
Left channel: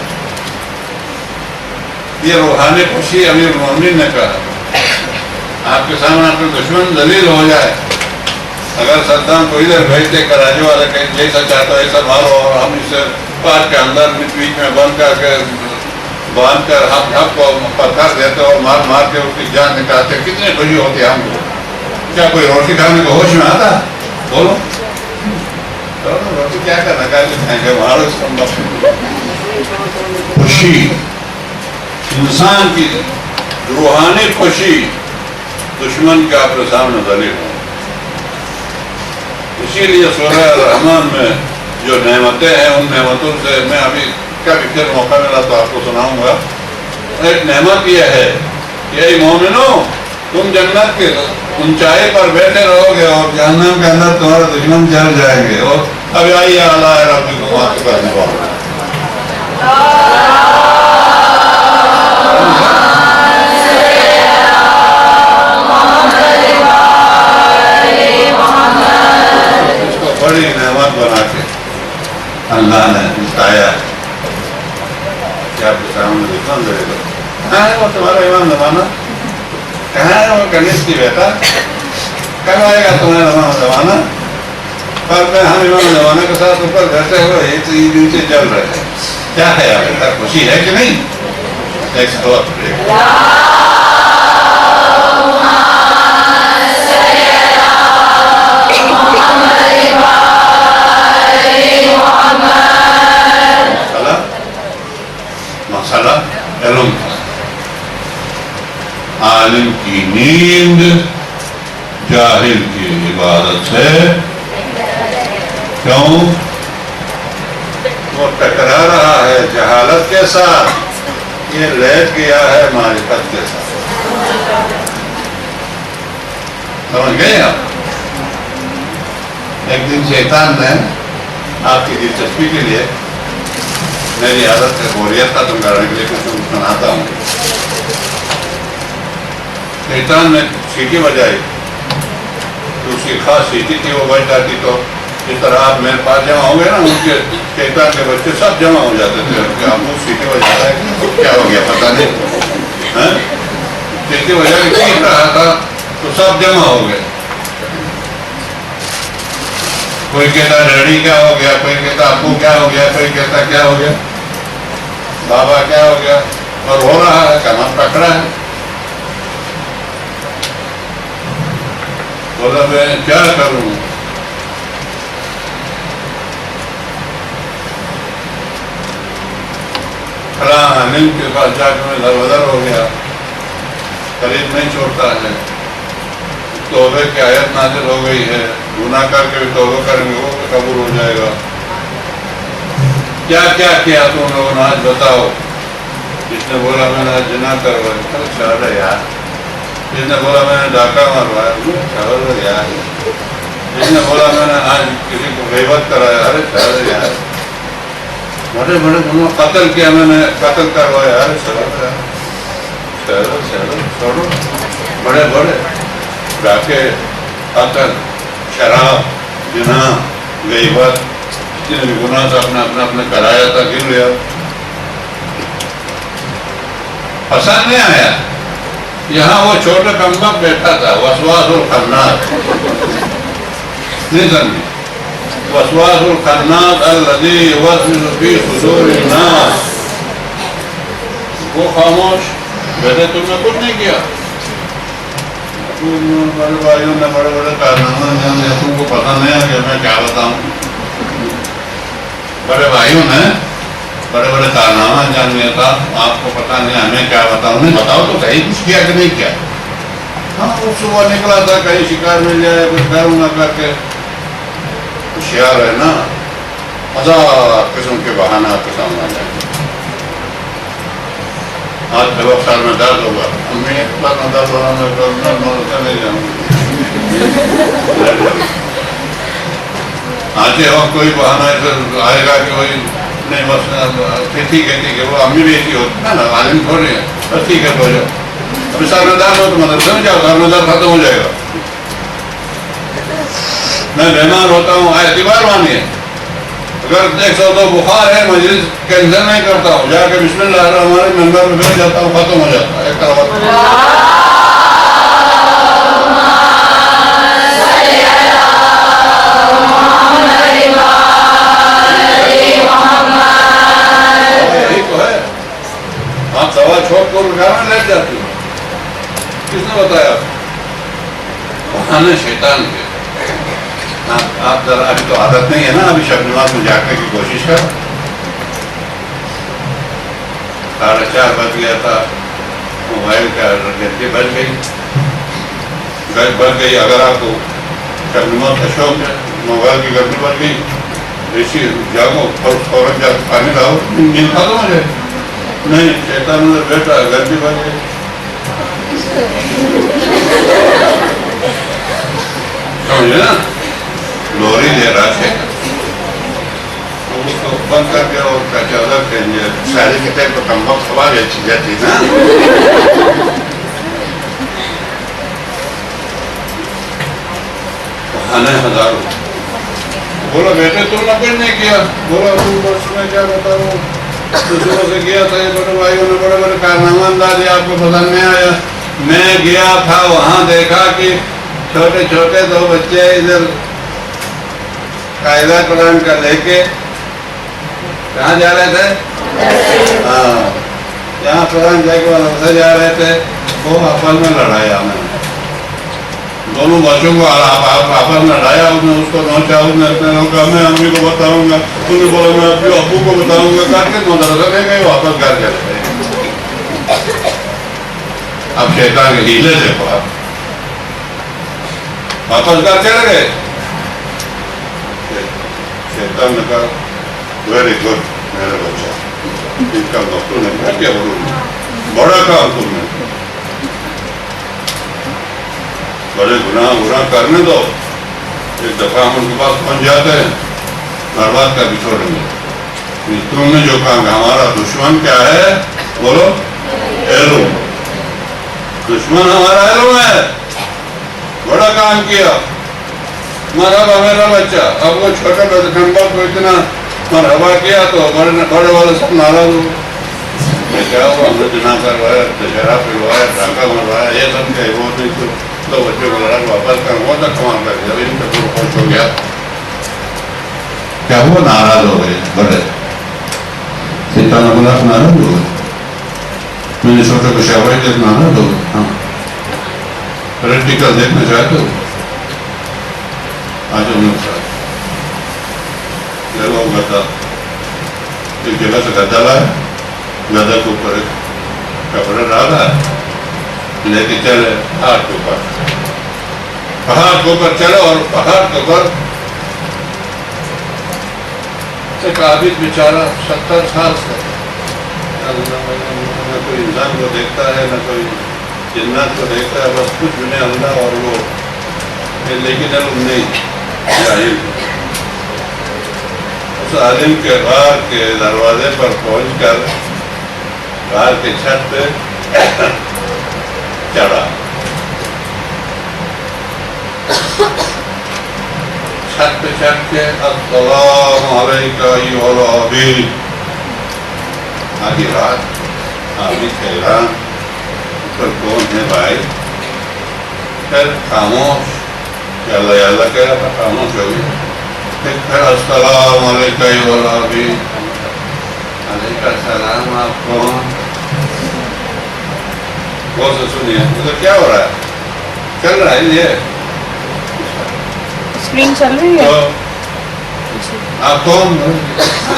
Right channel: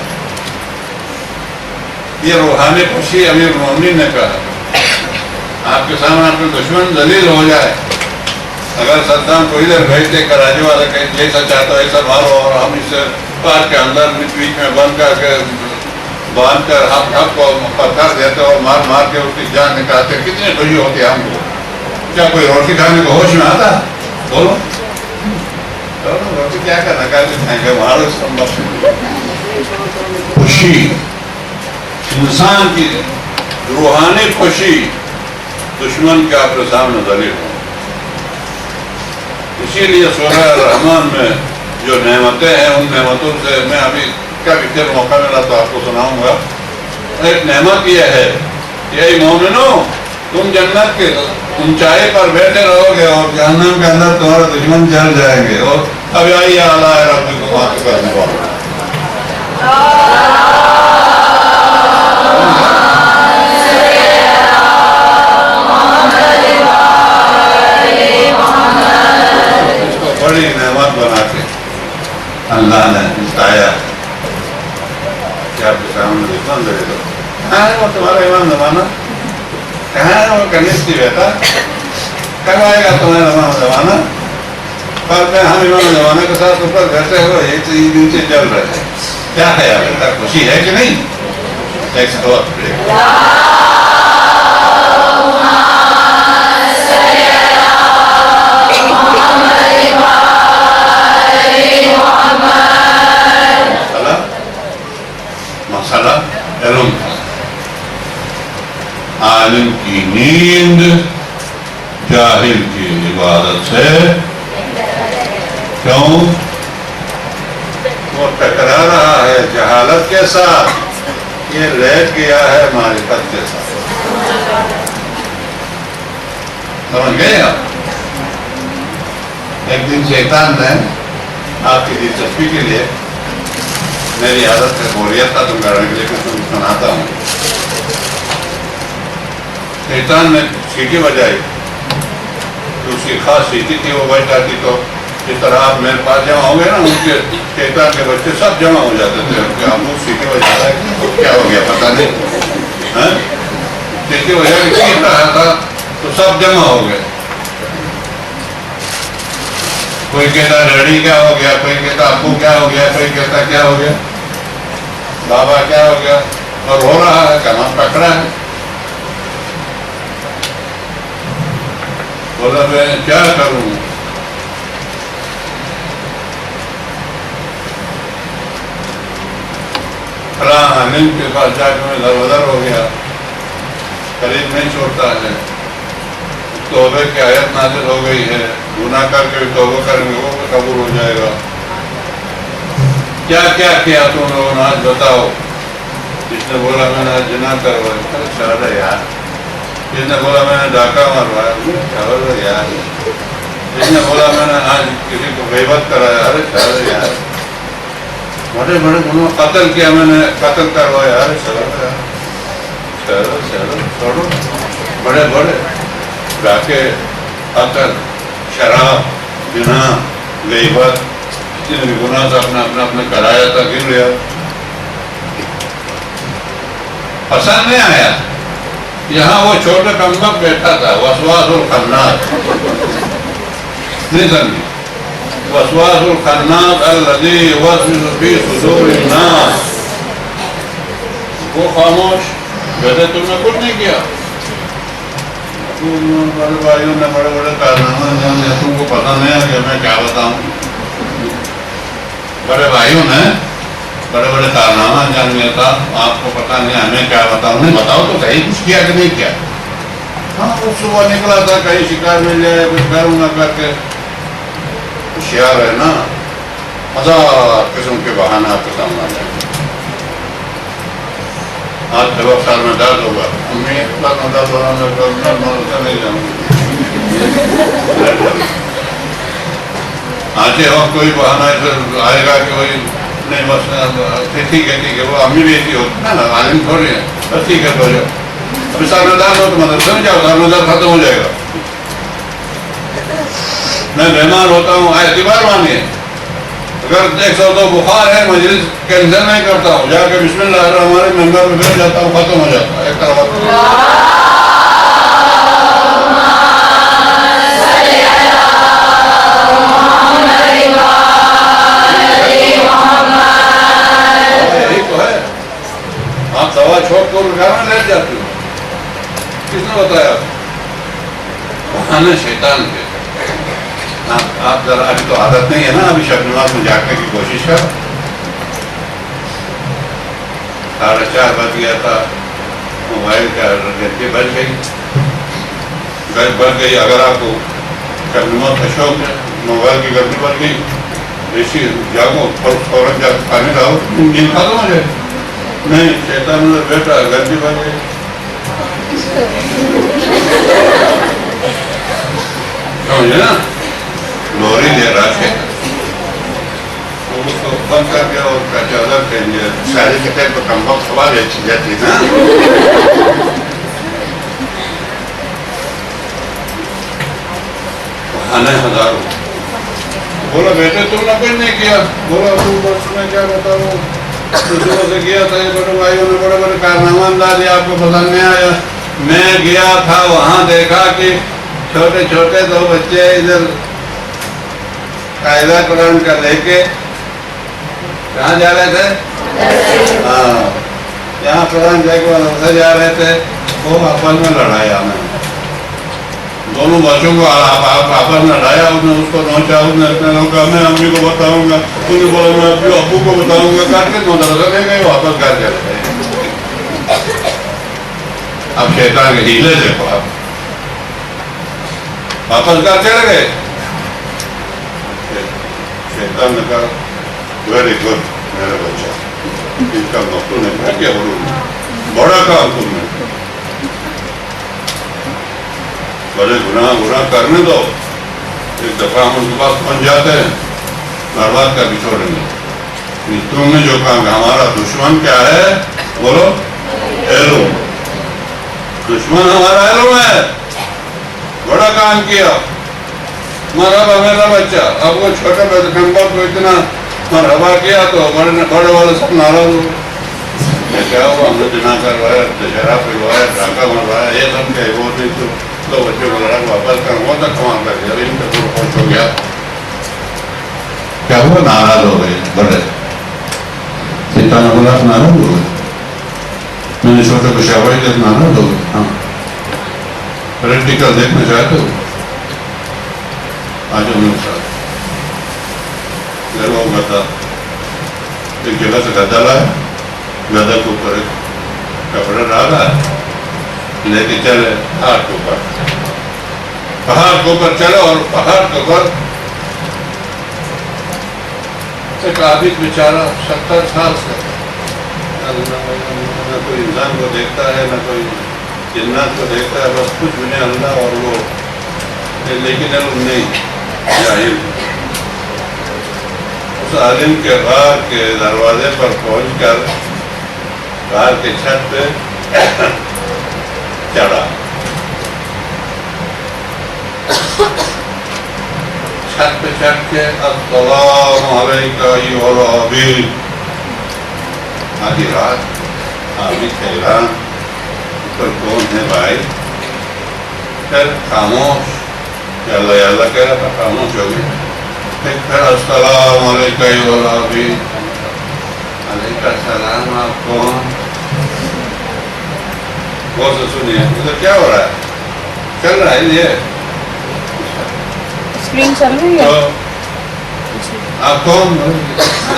یہ روحانی خوشی امیر المومنین نے کہا. آپ کے سامنے آپ کے دشمن ذلیل ہو جائے. اگر صدام کو ادھر بھیجتے کراچی والا کہ جیسا چاہتا ہے ایسا مارو اور ہم اسے پارک کے اندر بیچ میں بند کر کے باندھ کر ہم کو پتھر دیتے اور مار مار کے اس کی جان نکالتے، کتنی خوشی ہوتی ہے ہم کو. کیا کوئی روٹی کھانے کو ہوش میں آتا؟ بولو روٹی کیا کرنا کھائیں گے مارو اس کو. خوشی انسان کی روحانی خوشی دشمن کے آپ کے سامنے ذلیل ہو. اسی لیے سورہ الرحمن میں جو نعمتیں ہیں ان نعمتوں سے میں ابھی کبھی پھر موقع ملا تو آپ کو سناؤں گا. ایک نعمت یہ ہے کہ اے مومنو، تم جنت کے اونچائی پر بیٹھے رہو گے اور جہنم کے اندر تمہارے دشمن جل جائیں گے. اور اب آئیے اعلیٰ ربکم وہاں کے کرنے والا. بڑی نعمت بنا کے اللہ نے بتایا کہ آپ کے سامنے دشمن دے دو. کہاں ہے وہ تمہارا ایمان زمانہ؟ کہاں ہے وہ کنیستی بیٹا؟ کب آئے گا تمہارا ایمان زمانہ؟ پر میں ہم ایمان زمانہ کے ساتھ اوپر بیٹھے ہوئے ایک نیچے چل رہے ہیں. کیا ہے آپ بیٹا، خوشی ہے کہ نہیں؟ ایک سوال مسئلہ علم تھا. عالم کی نیند جاہل کی عبادت سے. کیوں؟ وہ ٹکرا رہا ہے جہالت کے ساتھ، یہ لیٹ گیا ہے معرفت کے ساتھ. سمجھ گئے آپ؟ ایک دن شیطان نے آپ کی دلچسپی کے لیے، میری عادت سے بوریت تھا تم کرنے کے لیے کچھ سناتا ہوں. شیطان نے سیٹی بجائی تو اس کی خاص سیٹی تھی، وہ بج جاتی تو جس طرح آپ میرے پاس جمع ہوں گے نا، ان کے شیطان کے بچے سب جمع ہو جاتے تھے کہ آپ اس سیٹی بجا رہا ہے کیا ہو گیا پتہ نہیں. سیٹی بجا کے چیخ رہا تھا تو سب جمع ہو گئے. کوئی کہتا ڈیڈی کیا ہو گیا، کوئی کہتا ابو کیا ہو گیا، کوئی کہتا کیا ہو گیا، بابا کیا ہو گیا، اور ہو رہا ہے کمر پکڑا ہے. بولا میں کیا کروں؟ فلاں عالم کے پاس جا کے میں دروازر ہو گیا، قریب نہیں چھوڑتا ہے. توبے کی آیت نازل ہو گئی ہے، گناہ کر کے بھی توبہ کریں گے وہ بھی قبول ہو جائے گا. کیا کیا کیا تم لوگوں نے آج بتاؤ؟ جس نے بولا میں نے آج جناح کروایا، چلو یار. جس نے بولا میں نے ڈاکہ مروایا، چلو یار. جس نے بولا میں نے آج کسی کو غیبت کرایا، ارے چلو یار. بڑے بڑے گناہ، قتل کیا میں نے، قتل کروایا، ارے چلو یار. چلو چلو چھوڑو. بڑے بڑے ڈاکے، قتل، شراب، زنا، غیبت، جتنے بھی گناہ سے اپنے کرایا تھا گر لیا. پسند نہیں آیا. یہاں وہ چھوٹا کمبک بیٹھا تھا، وسواس الخناس. نہیں سمجھی؟ وسواس الخناس الذی یوسوس فی صدور الناس. وہ خاموش بیٹے، تم نے کچھ نہیں کیا. بڑے بھائیوں نے بڑے بڑے کارنامے انجام دیا، تم کو پتہ نہیں ہے کہ میں کیا بتاؤں. بڑے بھائیوں نے بڑے بڑے کارنامہ انجام دیا تھا، آپ کو پتہ نہیں ہمیں کیا بتاؤں. نہیں بتاؤ تو صحیح، کچھ کیا کہ نہیں کیا. ہاں وہ صبح نکلا تھا کہیں شکار مل جائے کچھ کروں گا کر کے. ہوشیار ہے نا، ہزار قسم کے بہانے آپ کے سامنے آ جائیں گے. آج جب سال میں درد ہوگا، امی ایک بار میں درد ہوگا، میں نہیں جاؤں گی. آج وقت کوئی بہانہ ایسا آئے گا کہ وہی نہیں بس ٹھیک ہے وہ امی بھی ایسی ہوتی ہے نا، عالم تھوڑی ہے، بس ٹھیک ہے تو جاؤ. ابھی سرمدار ہو تو مدرسے میں جاؤ، سرمدار ختم ہو جائے گا. میں بیمار ہوتا ہوں اعتبار مانیے. اگر 102 بخار ہے مجلس کینسل نہیں کرتا ہوں، جا کے بسم اللہ الرحمن الرحیم ممبر پہ بیٹھ جاتا ہوں، ختم ہو جاتا ہے. ایک طرف یہی تو ہے. آپ دوا چھوڑ کر گھر میں لیٹ جاتی ہو. کس نے بتایا؟ بہانے شیطان کے. آپ ذرا ابھی تو عادت نہیں ہے نا، ابھی شب نماز میں جاگنے کی کوشش کر. 4:30 بج گیا تھا، موبائل کا گھنٹی بج گئی. اگر آپ کو شب نماز کا شوق ہے، موبائل کی گھنٹی بج گئی، اسی جاگو فوراً جا پانی لاؤ، نیند ختم ہو جائے. نہیں، شیطان ادھر بیٹھا، گھنٹی بج گئی. سمجھے نا؟ لوری دے رہا ہے، اس کو بند کر کے اور چادر پہن لیا. ساری کتنے کو کمبل سوال اچھی جاتی نا. بہانے ہزاروں. بولا بیٹے تم نے کچھ نہیں کیا. بولا تم بس میں کیا بتاؤں، دوسروں سے کیا تھا. یہ بڑے بھائیوں نے بڑے بڑے کارنامہ اندازی آپ کو پسند نہیں آیا. میں گیا تھا وہاں، دیکھا کہ چھوٹے چھوٹے 2 بچے ادھر قاعدہ قرآن کا لے کے کہاں جا رہے تھے؟ ہاں، یہاں قرآن لے کے مدرسے جا رہے تھے. وہ آپس میں لڑایا. میں دونوں بچوں کو آپس میں لڑایا. اس نے اس کو نوچا، اس نے کہا میں امی کو بتاؤں گا، اس نے بولا میں ابو کو بتاؤں گا. کر کے مدرسے لے گئے، واپس گھر چلے گئے. اب شیطان کے ہیلے دیکھو. آپ واپس گھر چلے گئے. شیطان نے کہا ویری گڈ میرے بچہ، ان کا مفتو نے کہا کیا بولوں، بڑا کام تم نے، بڑے گناہ کرنے دو. ایک دفعہ ہم ان کے پاس پہنچ جاتے ہیں، برباد کر بھی چھوڑیں گے. تم نے جو کام ہے، ہمارا دشمن کیا ہے بولو؟ علم. دشمن ہمارا علم ہے. بڑا کام کیا، مرحبا میرا بچہ. اب وہ چھوٹے نمبر کو اتنا مرحبا کیا تو بڑے والے سب ناراض ہو. میں کیا ہوا، ہم نے جنا کروایا، شراب پلوایا، ڈاکہ مروایا، یہ سب کیا وہ نہیں تو بچوں کو لڑا واپس کر وہ تک کمال کر دیا. ان کا پورا خوش ہو گیا. کیا ہوا؟ ناراض ہو گئے بڑے. شیطان نے بولا ناراض ہو گئے. میں نے چھوٹے کو شاباش دے ناراض ہو گئے. ہاں، پریکٹیکل دیکھنا چاہتے ہو؟ آج ہم لوگ ساتھ لو گدا. ایک جگہ سے گدا لایا، گدا کے اوپر ایک کپڑا ڈالا، لے کے چلے پہاڑ کے اوپر. پہاڑ کے اوپر چلے اور پہاڑ کے اوپر ایک عابد بیچارہ 70 سال سے نہ کوئی انسان کو دیکھتا ہے، نہ کوئی جنات کو دیکھتا ہے، بس کچھ بھی نہیں اللہ اور وہ. لیکن علم نہیں، جاہل. اس عالم کے غار کے دروازے پر پہنچ کر غار کے چھت پہ چڑھا. چھت پہ چڑھ کے السلام علیکم ایھا العابد. آدھی رات عابد حیران پر کون ہے بھائی. پھر خاموش، یا اللہ کہہ رہا تھا، خاموش ہو گئی. پھر السلام علیکم ایھا العابد. علیکم السلام. آپ کون؟ بہت سے سنیے ادھر کیا ہو رہا ہے. چل رہا ہے یہ اسکرین چل رہی ہے. آپ کون؟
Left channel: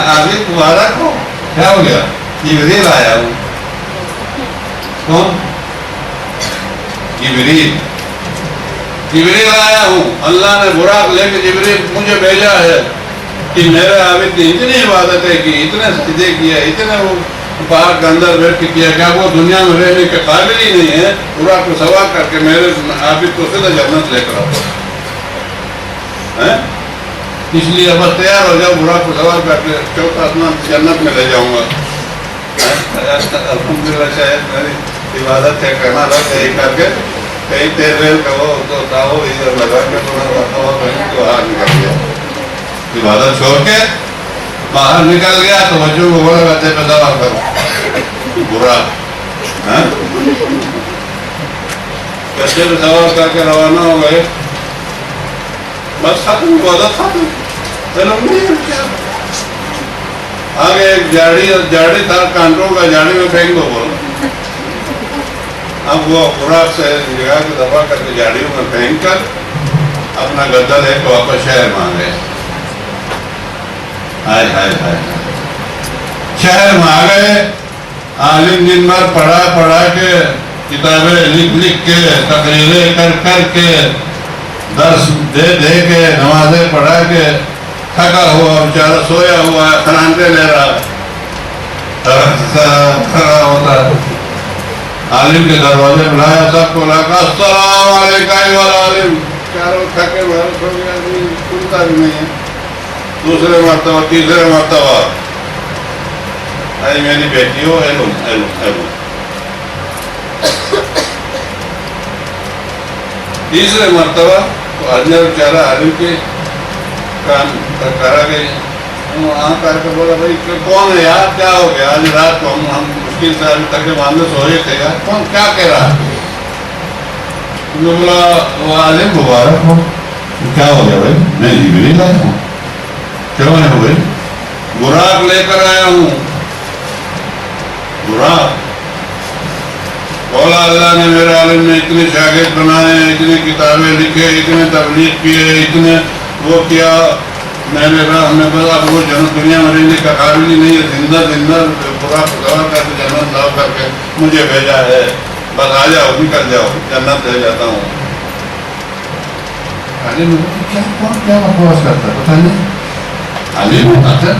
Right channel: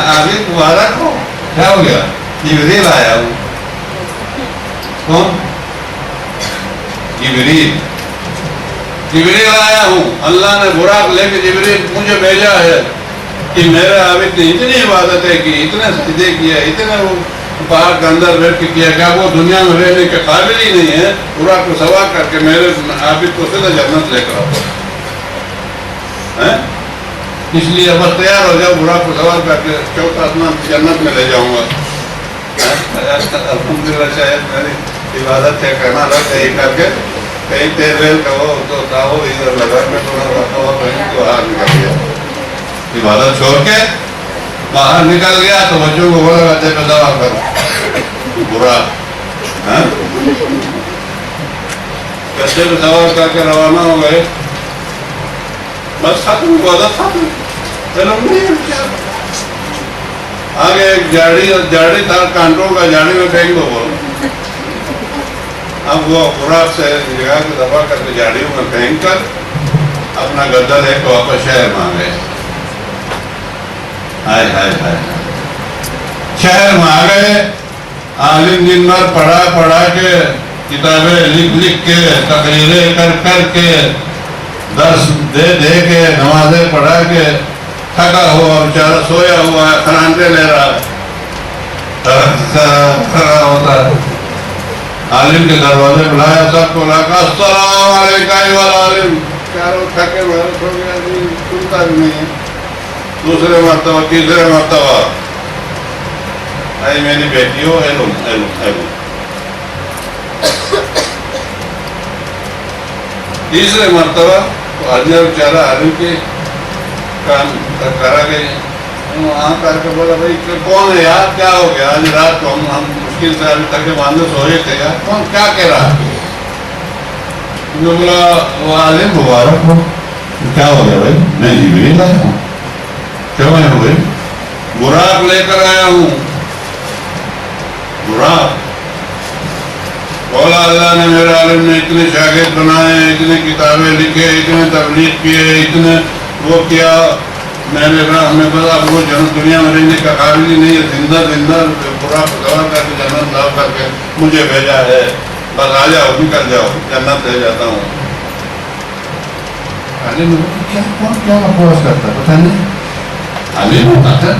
عابد مبارک ہو. کیا ہو گیا؟ جبریل آیا ہوں. کون؟ جبریل آیا ہوں. اللہ نے براق لے کے جبریل مجھے بھیجا ہے کہ میرے عابد نے اتنی عبادتیں کی، اتنے سجدے کیے، اتنے وہ پہاڑ کے اندر بیٹھ کے کیا کہ وہ دنیا میں رہنے کے قابل ہی نہیں ہے. براق کو سوار کر کے میرے عابد کو سیدھا جنت لے کر آؤ. اس لیے بس تیار ہو جاؤ، براق کو سوار کر کے چوتھا آسمان جنت میں لے جاؤں گا. الحمدللہ شاید میری عبادت کیا کرنا تھا کہیں کر کے کہیں تیل ویل کا وہ تو تھا وہ ادھر لگا کے تھوڑا رکھا ہوا کہیں تو باہر نکل گیا. عبادت چھوڑ کے باہر نکل گیا تو بچوں کو بولا کرتے پہ سوال کرو برا گدے پہ سوال کر کے روانہ ہو گئے. بس ختم عبادت ختم. آگے ایک جاڑی تھا کانٹوں کا, جاڑی میں پھینک دو بولو. اب وہ خوراک سے جگہ کو دبا کر کے جاڑیوں میں پھینک کر اپنا گدا لے کے واپس شہر میں آ گئے. ہائے ہائے ہائے شہر میں آ گئے. عالم دن بھر پڑھا کے کتابیں لکھ کے تقریریں کر کے درس دے کے نمازیں پڑھا کے تھکا ہوا بیچارہ سویا ہوا ہے, کھرانٹے لے رہا کھڑا ہوتا. عالم کے دروازے بلایا, سب کو لا کر السلام علیکم عالم. چاروں تھکے ہوئے سو گیا, سنتا بھی نہیں ہے. دوسرے مرتبہ تیسرے مرتبہ آئی میری بیٹی ہو علم. تیسرے مرتبہ تو بیچارہ عالم کے کام کرا گئی. وہاں کر کے بولا بھائی کون ہے یار, کیا ہو گیا آج رات کو ہم مشکل سے ابھی تک باندھے سوئے تھے یار, کون کیا کہہ رہا ہے؟ بولا وہ عالم مبارک ہو. کیا ہو گیا بھائی؟ میں جبریل آیا ہوں. کیوں آیا ہوں بھائی؟ براق لے کر آیا ہوں. براق بولا اللہ نے میرے عالم نے اتنے شاگرد بنائے, اتنے کتابیں لکھے, اتنے تبلیغ کیے, اتنے وہ کیا. میں نے کہا ہمیں پتا اب وہ دنیا میں رہنے کا قابل ہی نہیں ہے. زندہ پورا گوا کر کے جنت لاؤ کر کے مجھے بھیجا ہے. بس آ جاؤ, نکل جاؤ, جنت دے جاتا ہوں. عالم کیا بکواس کرتا ہے پتہ نہیں. عالم بتاتا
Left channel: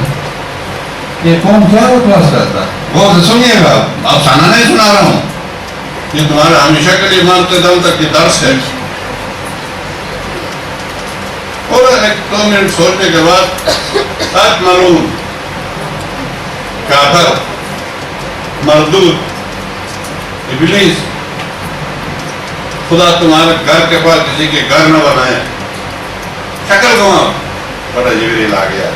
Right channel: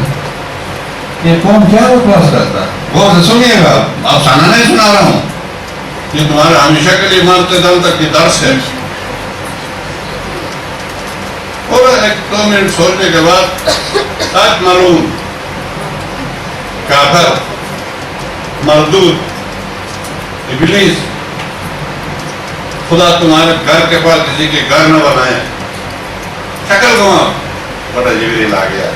یہ کون کیا بکواس کرتا ہے. وہ سنیے گا, آپ سانا نہیں سنا رہا ہوں, یہ تمہارا ہمیشہ کے لیے مرتے دم تک یہ درس ہے. اور ایک دو منٹ سوچنے کے بعد آج معلوم کافر مردود ابلیس خدا تمہارے گھر کے پاس کسی کے گھر نہ بنائے. شکل گواں بڑا جبریل آ گیا.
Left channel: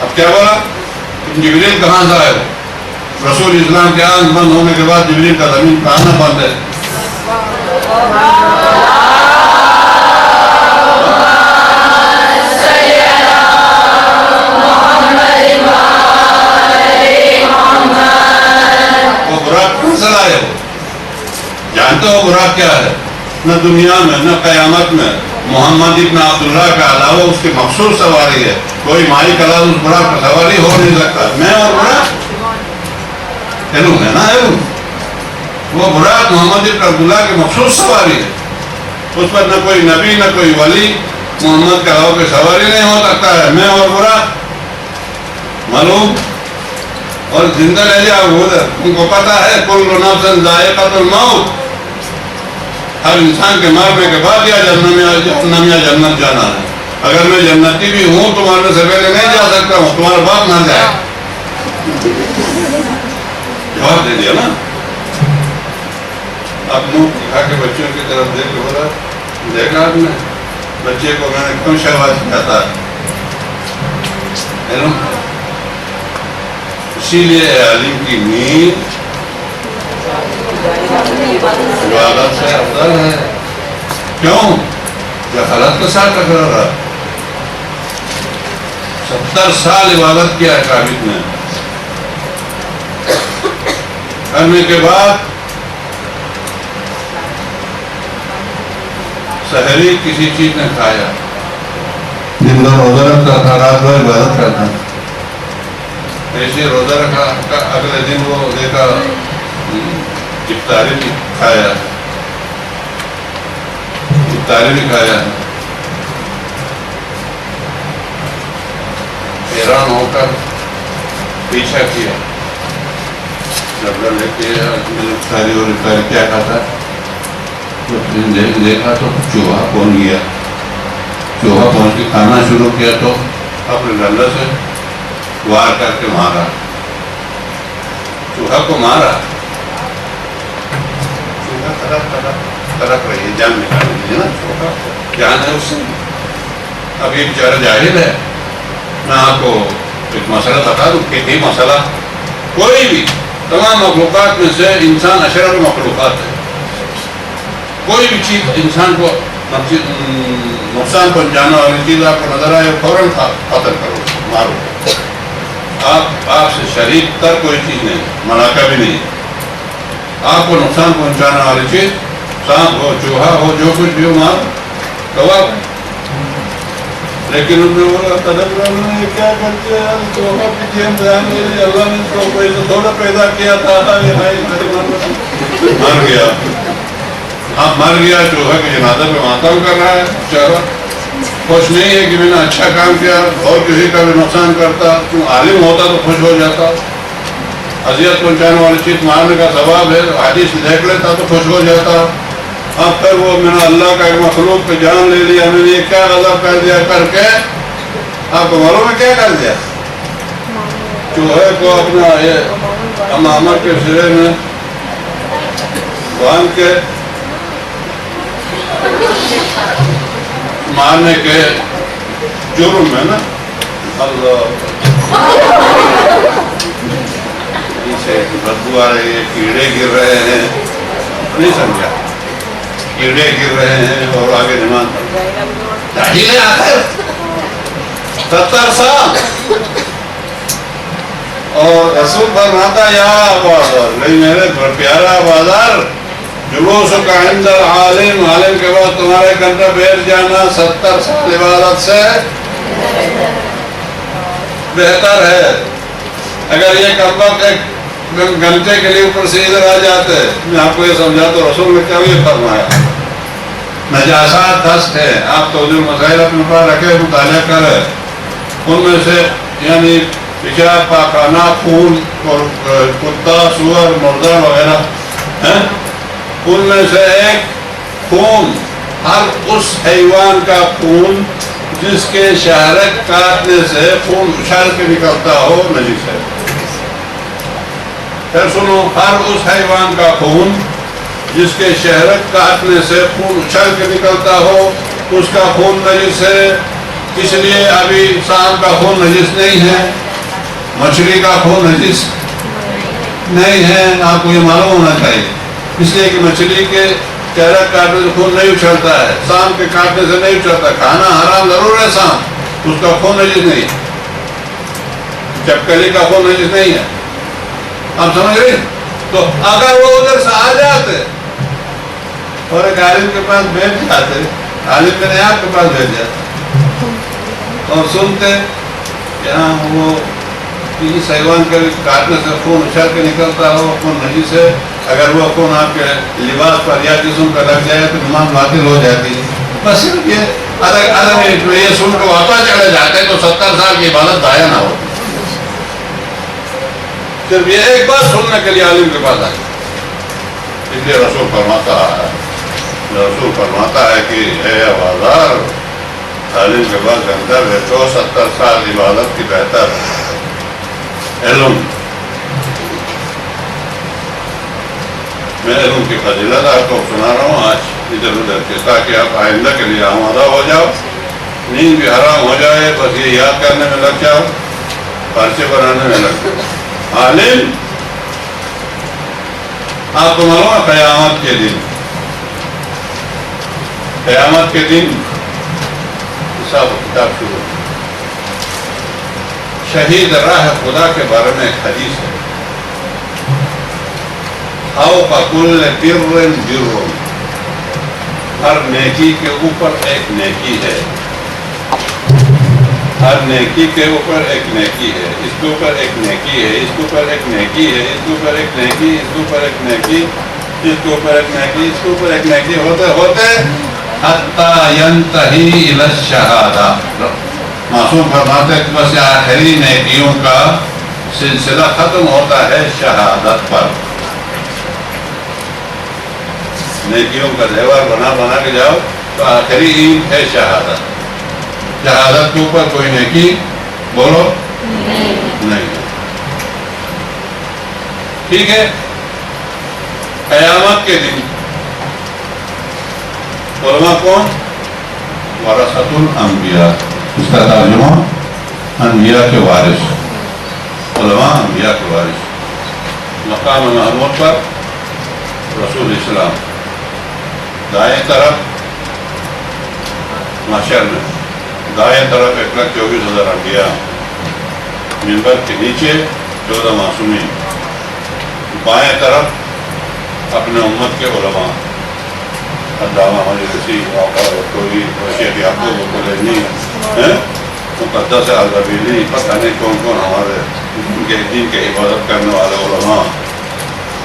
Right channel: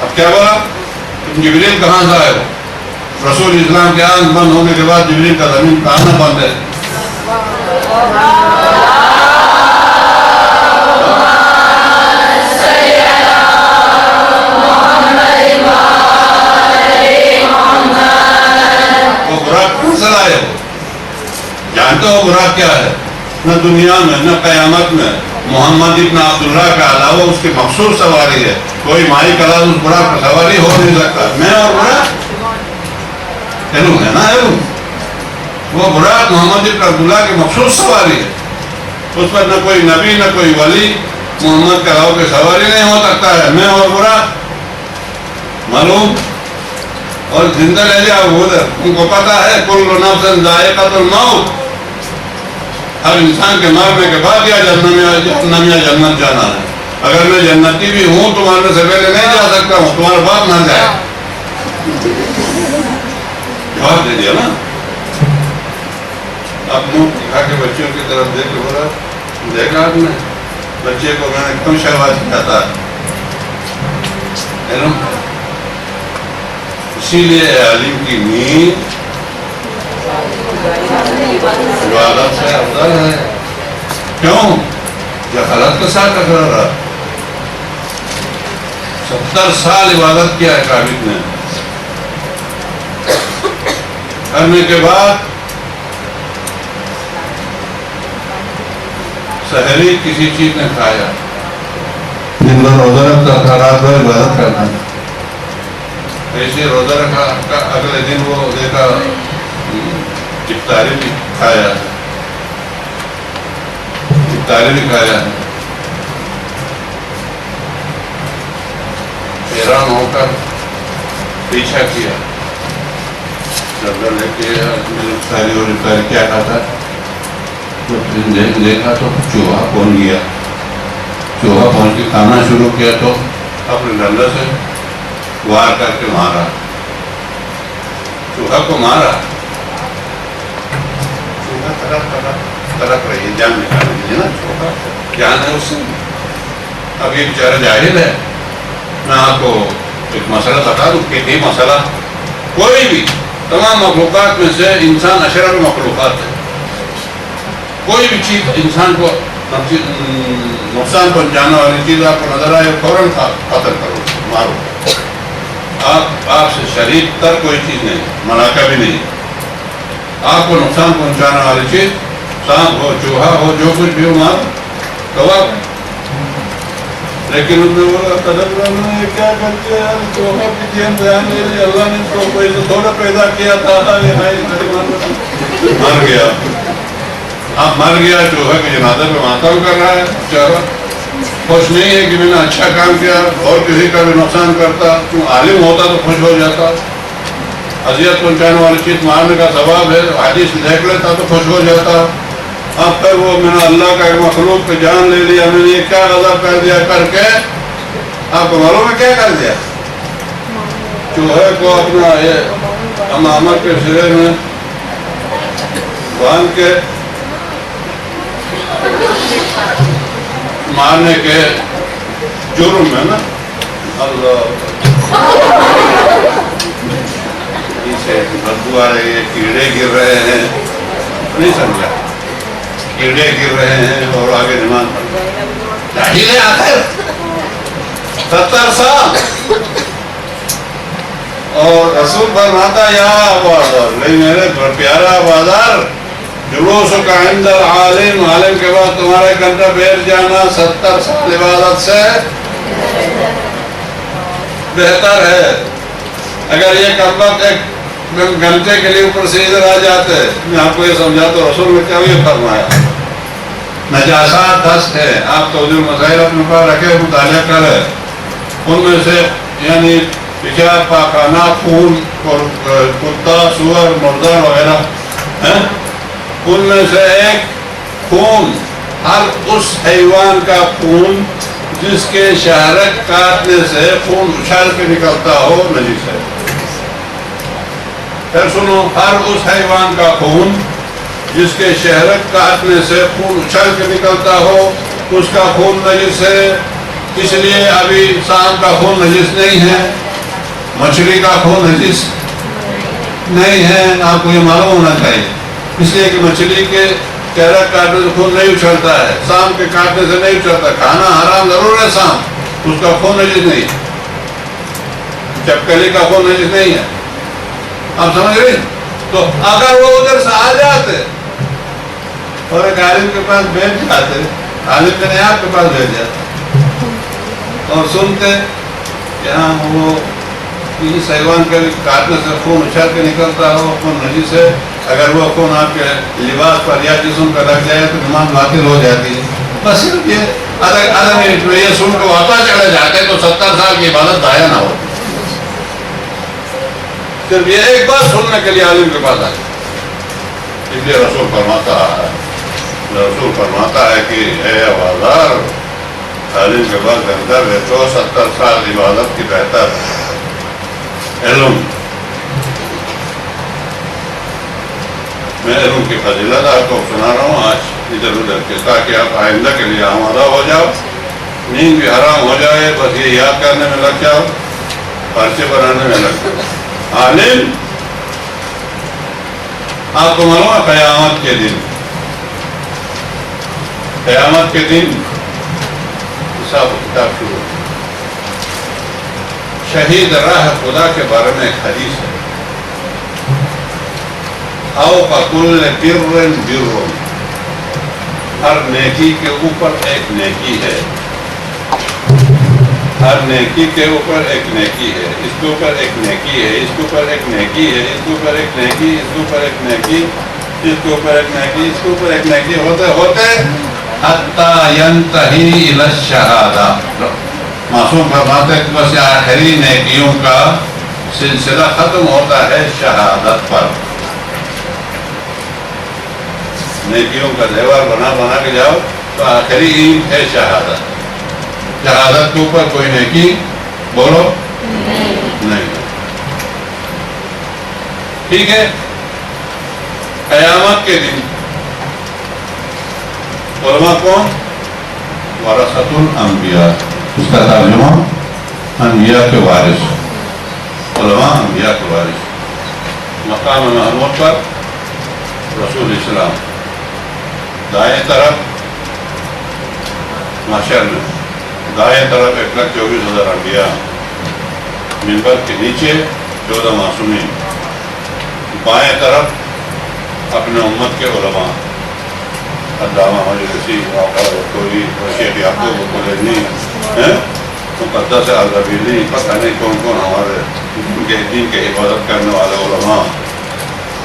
اب کیا بولا تم جبریل کہاں سے آئے ہو؟ رسول اسلام کے آنکھ بند ہونے کے بعد جبریل کا زمین پہ آنا بند ہے. جانتے ہو براق کیا ہے؟ نہ دنیا میں نہ قیامت میں محمد ابن عبداللہ کا علاوہ اس کی مخصوص سواری ہے. کوئی مائی کلا اس براق کا سواری ہو نہیں سکتا. میں اور براق علم ہے نا, علم. وہ براق محمد ابن عبداللہ کی مخصوص سواری ہے. اس پر نہ کوئی نبی نہ کوئی ولی محمد کے علاوہ کی سواری نہیں ہو سکتا ہے. میں اور براق معلوم. اور زندہ رہ جاؤ ادھر. ان کو پتا ہے کل نفس ذائقۃ الموت, ہر انسان کے مرنے کے بعد یا جہنم یا جنت جانا ہے. اگر میں جنتی بھی ہوں تو مرنے سے پہلے نہیں جا سکتا ہوں. تمہارا باپ مر جائے. جواب دے دیا نا. اب منہ دکھا کے بچوں کی طرف دیکھ کے بولا دیکھا آپ نے بچے کو میں نے کیوں شہباز سکھاتا ہے. اسی لیے عالم کی نیند عبادت سے افضل ہے. کیوں؟ جہالت کے ساتھ ٹکرا رہا. 70 سال عبادت کیا ہے قابل نے. کرنے کے بعد سحری کسی چیز نے کھایا. دن بھر روزہ رکھتا تھا, رات بھر عبادت کرتا تھا. ایسے روزہ رکھا, اگلے دن وہ دیکھا افطاری بھی کھایا, افطاری بھی کھایا. حیران ہو کر پیچھا کیا, جب لے کے افطاری اور افطاری کیا کھاتا. دیکھا تو چوہا پہنچ گیا. چوہا پہنچ کے کھانا شروع کیا تو اپنے ڈنڈا سے وار کر کے مارا. چوہا کو مارا. چوہا تڑپ رہی ہے جان نکالنے کے لیے نا، چوہا جان ہے اس سے. اب یہ بیچارہ جاہل ہے. میں آپ کو ایک مسئلہ بتا دوں کہ یہ مسئلہ کوئی بھی تمام مخلوقات میں سے انسان اشرف مخلوقات ہے. کوئی بھی چیز انسان کو نقصان پہنچانے والی چیز آپ کو نظر آئے فوراً قتل کرو، مارو. آپ سے شریک تر کوئی چیز نہیں، ملاقہ بھی نہیں. آپ کو نقصان پہنچانے والی چیز سانپ ہو، چوہا ہو، جو کچھ بھی ہو، مارو، کباب. لیکن انہوں نے بولا تدبر نے کیا کر کے چوہا کی جین بیان لے لی، اللہ نے اس کو کوئی تھوڑا پیدا کیا تھا، مر گیا. اب مر گیا، چوہا کے جنازے پہ ماتم کر رہا ہے. چلو خوش نہیں ہے کہ میں نے اچھا کام کیا اور کسی کا بھی نقصان کرتا. کیوں عالم ہوتا تو خوش ہو جاتا. اذیت پہنچانے والی چیز مارنے کا ثواب ہے، حدیث دیکھ لیتا تو خوش ہو جاتا. اب پھر وہ میں نے اللہ کا ایک مخلوق پہ جان لے لیا، میں نے یہ کیا غضب کر دیا کر کے. آپ کو معلوم ہے کیا کر دیا؟ چوہے کو اپنا یہ امامہ کے سرے میں باندھ کے مارنے کے جرم میں نا، اللہ سے بدبو آ رہی ہے، کیڑے گر رہے ہیں، نہیں سمجھا، کیڑے گر رہے ہیں اور آگے نماز پڑھ آخر 70 سال. اور رسول فرماتا یا بازار، نہیں میرے پیارا بازار، جلوس کا عند العالم، عالم کے بعد تمہارے گھنٹہ بیٹھ جانا 70 سال عبادت سے بہتر ہے. اگر یہ کم وقت ایک گھنٹے کے لیے اوپر سے ادھر آ جاتے، میں آپ کو یہ سمجھا تو رسول نے کیا یہ فرمایا، نجاسات 10 ہے. آپ توجہ مسائل اپنے پاس رکھے، مطالعہ کرے. ان میں سے یعنی پیشاب، پاخانہ، خون، کتا، سور، مردہ وغیرہ، ان میں سے ایک خون، ہر اس حیوان کا خون جس کے شہرک کاٹنے سے خون اچھال کے نکلتا ہو نجس ہے. پھر سنو، ہر اس حیوان کا خون جس کے شہرک کاٹنے سے خون اچھل کے نکلتا ہو، اس کا خون نجس ہے. اس لیے ابھی سانپ کا خون نجس نہیں ہے، مچھلی کا خون نجس نہیں ہے. آپ کو یہ معلوم ہونا چاہیے. اس لیے کہ مچھلی کے شہرک کاٹنے سے خون نہیں اچھلتا ہے، سانپ کے کاٹنے سے نہیں اچھلتا. کھانا حرام ضرور ہے سانپ، اس کا خون نجس نہیں. چپکلی کا خون نجس نہیں ہے. آپ سمجھ رہے؟ تو اگر وہ ادھر سے آ جاتے اور ایک عالم کے پاس بیٹھ جاتے، عالم میں نے آپ کے پاس بیٹھ جاتا اور سنتے کہ ہاں وہ اس حیوان کے کاٹنے سے خون اچھل کے نکلتا ہو، خون نجس ہے. اگر وہ خون آپ کے لباس پر یا جسم پر لگ جائے تو نماز باطل ہو جاتی ہے. بس صرف یہ آدھا منٹ میں یہ سن کے واپس چڑھے جاتے تو 70 سال کی عبادت ضائع نہ ہوتی. صرف یہ ایک بات سننے کے لیے عالم کے پاس آئے. اس لیے رسول فرماتا ہے کہ اے بازار، عالم کے پاس گھنٹہ بیٹھو، 70 سال عبادت کی بہتر علم. میں علم کی فضیلت آپ کو سنا رہا ہوں آج ادھر ادھر کے، تاکہ آپ آئندہ کے لیے آمادہ ہو جاؤ. نیند بھی حرام ہو جائے، بس یہ یاد کرنے میں لگ جاؤ، پرچے بنانے میں لگ جاؤ. عالم، آپ کو معلوم ہے قیامت کے دن حساب و کتاب شروع. شہید راہ خدا کے بارے میں ایک حدیث ہے، فوق کل بر بر، ہر نیکی کے اوپر ایک نیکی ہے. ہر نیکی کے اوپر ایک نیکی ہے، اس کے اوپر ایک نیکی ہے، اس کے اوپر ایک نیکی ہے، اس کے اوپر ایک نیکی، اس کے اوپر ایک نیکی، اس کے اوپر ایک نیکی، اس کے اوپر ایک نیکی، ہوتے ہوتے حتی ینتہی الی الشہادہ. معصوم فرماتے ہیں بس آخری نیکیوں کا سلسلہ ختم ہوتا ہے شہادت پر. نیکیوں کا دیوار بنا بنا کے جاؤ تو آخری عید ہے شہادت. شہادت کے اوپر کوئی نیکی بولو نہیں. ٹھیک ہے. قیامت کے دن علماء کون؟ ورثۃ الانبیاء، اس کا ترجمہ انبیاء کے وارث، علماء انبیاء کے وارث۔ مقام محمود پر رسول اسلام، دائیں طرف محشر میں دائیں طرف 1,24,000 انبیاء، منبر کے نیچے 14 معصومین، بائیں طرف اپنے امت کے علماء، علامہ مجلسی، کوئی شیخ یعقوب کلینی، مقدس الزبیلی، پتہ نہیں کون کون ہمارے ان کے دین کے عبادت کرنے والے علماء،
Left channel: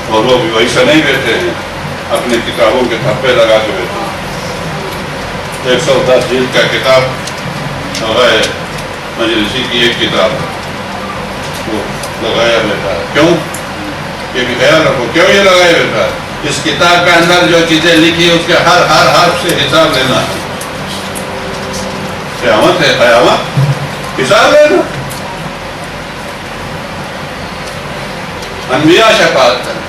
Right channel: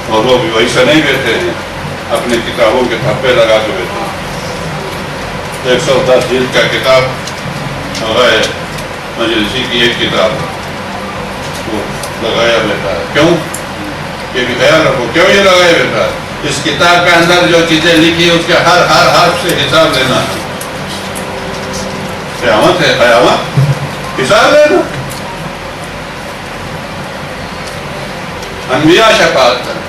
اور وہ بھی ویسے نہیں بیٹھے ہیں، اپنے کتابوں کے تھپے لگا کے بیٹھے ہیں۔ 110 جلد کا کتاب لگائے، مجلسی کی ایک کتاب وہ لگایا بیٹھا ہے۔ کیوں؟ یہ بھی خیال رکھو، کیوں یہ لگایا بیٹھا ہے؟ اس کتاب کے اندر جو چیزیں لکھی اس کے ہر حرف سے حساب لینا ہے۔ قیامت ہے، قیامت حساب لینا۔ انبیاء شفاعت کریں،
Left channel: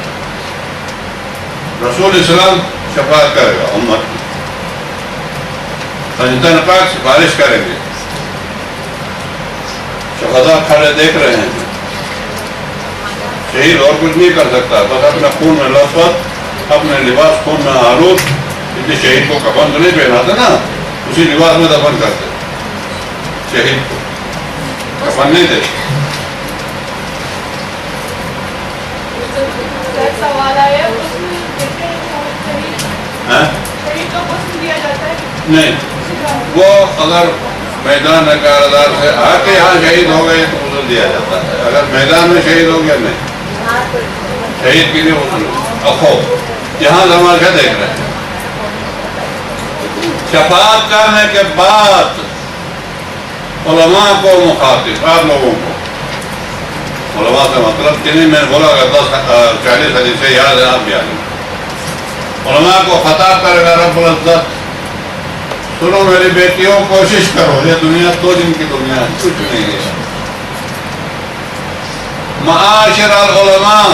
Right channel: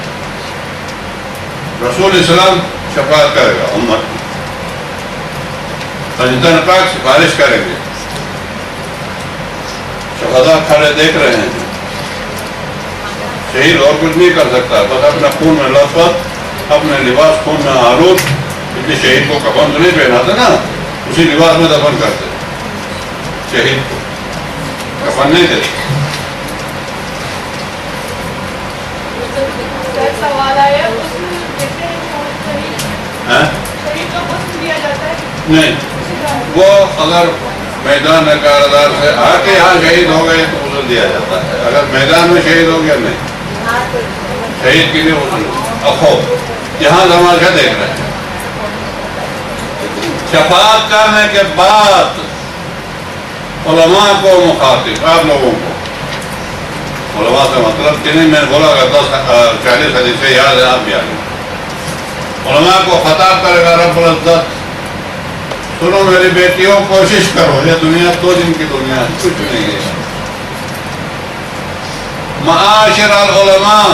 رسول اسلام شفاعت کرے گا امت کی، فرشتہ پاک سفارش کریں گے، شہداء کھڑے دیکھ رہے ہیں۔ شہید اور کچھ نہیں کر سکتا، بس اپنا خون میں لثپت، اپنے لباس خون میں آلود، اس لیے شہید کو کفن تو نہیں پہناتے نا، اسی لباس میں دفن کرتے، شہید کو کفن نہیں دیتے۔ سوال آیا نہیں، وہ اگر میدان کاردار سے آ کے یہاں شہید ہو گئے تو عذر دیا جاتا ہے، اگر میدان میں شہید ہو گیا نہیں، شہید کے لیے عذر۔ اخو یہاں تماشا دیکھ رہے ہیں، شفاعت کرنے کے بعد علماء کو مخاطب، آپ لوگوں کو علماء سے مطلب کہ نہیں، میں نے بولا اگر 40 حدیثیں یاد ہیں آپ بھی آگے، علماء کو خطاب کرے گا رب العزت، سنو میری بیٹیوں کوشش کرو، یہ دنیا 2 دن کی دنیا ہے، کچھ نہیں ہے۔ معاشر العلماء،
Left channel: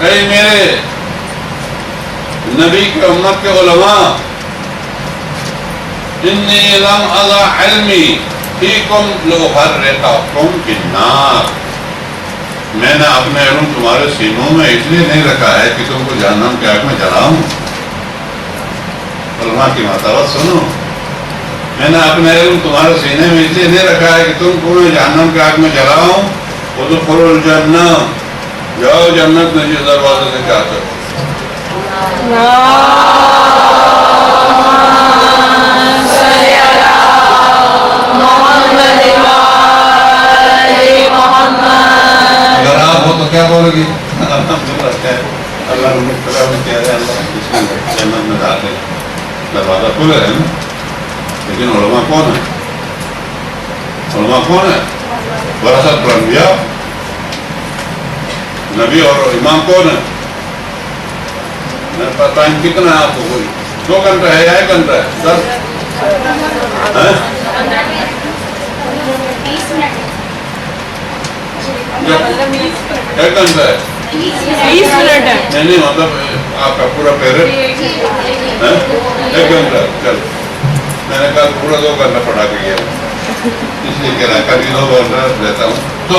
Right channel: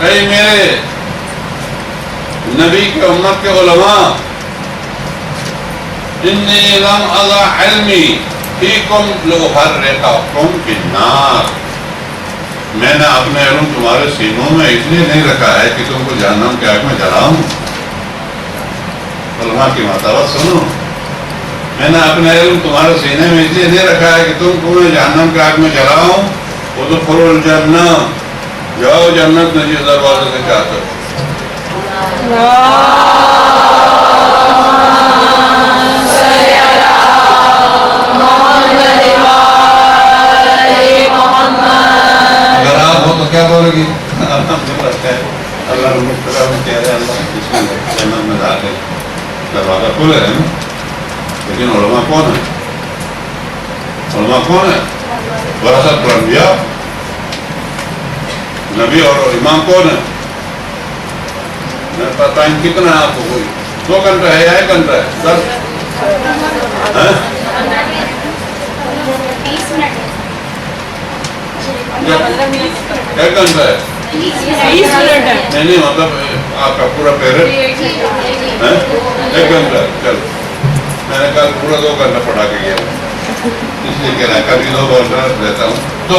اے میرے نبی کے امت کے علماء، انی لم اضع علمی فیکم لأحرقکم فی النار، میں نے اپنے علم تمہارے سینوں میں اس لیے نہیں رکھا ہے کہ تم کو جہنم کے آگ میں جلاؤں۔ علماء کی مطابت سنو، میں نے اپنے علم تمہارے سینے میں اس لیے نہیں رکھا ہے کہ تم کو میں جہنم کے آگ میں جلاؤں۔ ادخلوا الجنہ، جاؤ جنت میں جس دروازے سے چاہتے ہو۔ اگر آپ ہو تو کیا بولو گی؟ اللہ نے کہہ رہے اللہ جنت میں داخل، دروازہ کھلے ہیں نا، لیکن علماء کون ہے؟ علماء کون ہے؟ ورثۃ الانبیاء، نبی اور امام کون ہے؟ ٹائم کتنا ہے آپ کو؟ کوئی 2 گھنٹہ ہے یا 1 گھنٹہ ہے؟ 10 1 گھنٹہ ہے؟ 20 منٹ ہے، نہیں مطلب آپ کا پورا پیریڈ 1 گھنٹہ۔ چلو میں نے کل پورا 2 گھنٹہ پڑھا کے گیا، اس لیے کہہ رہا کبھی 2 گھنٹہ لیتا ہوں۔ تو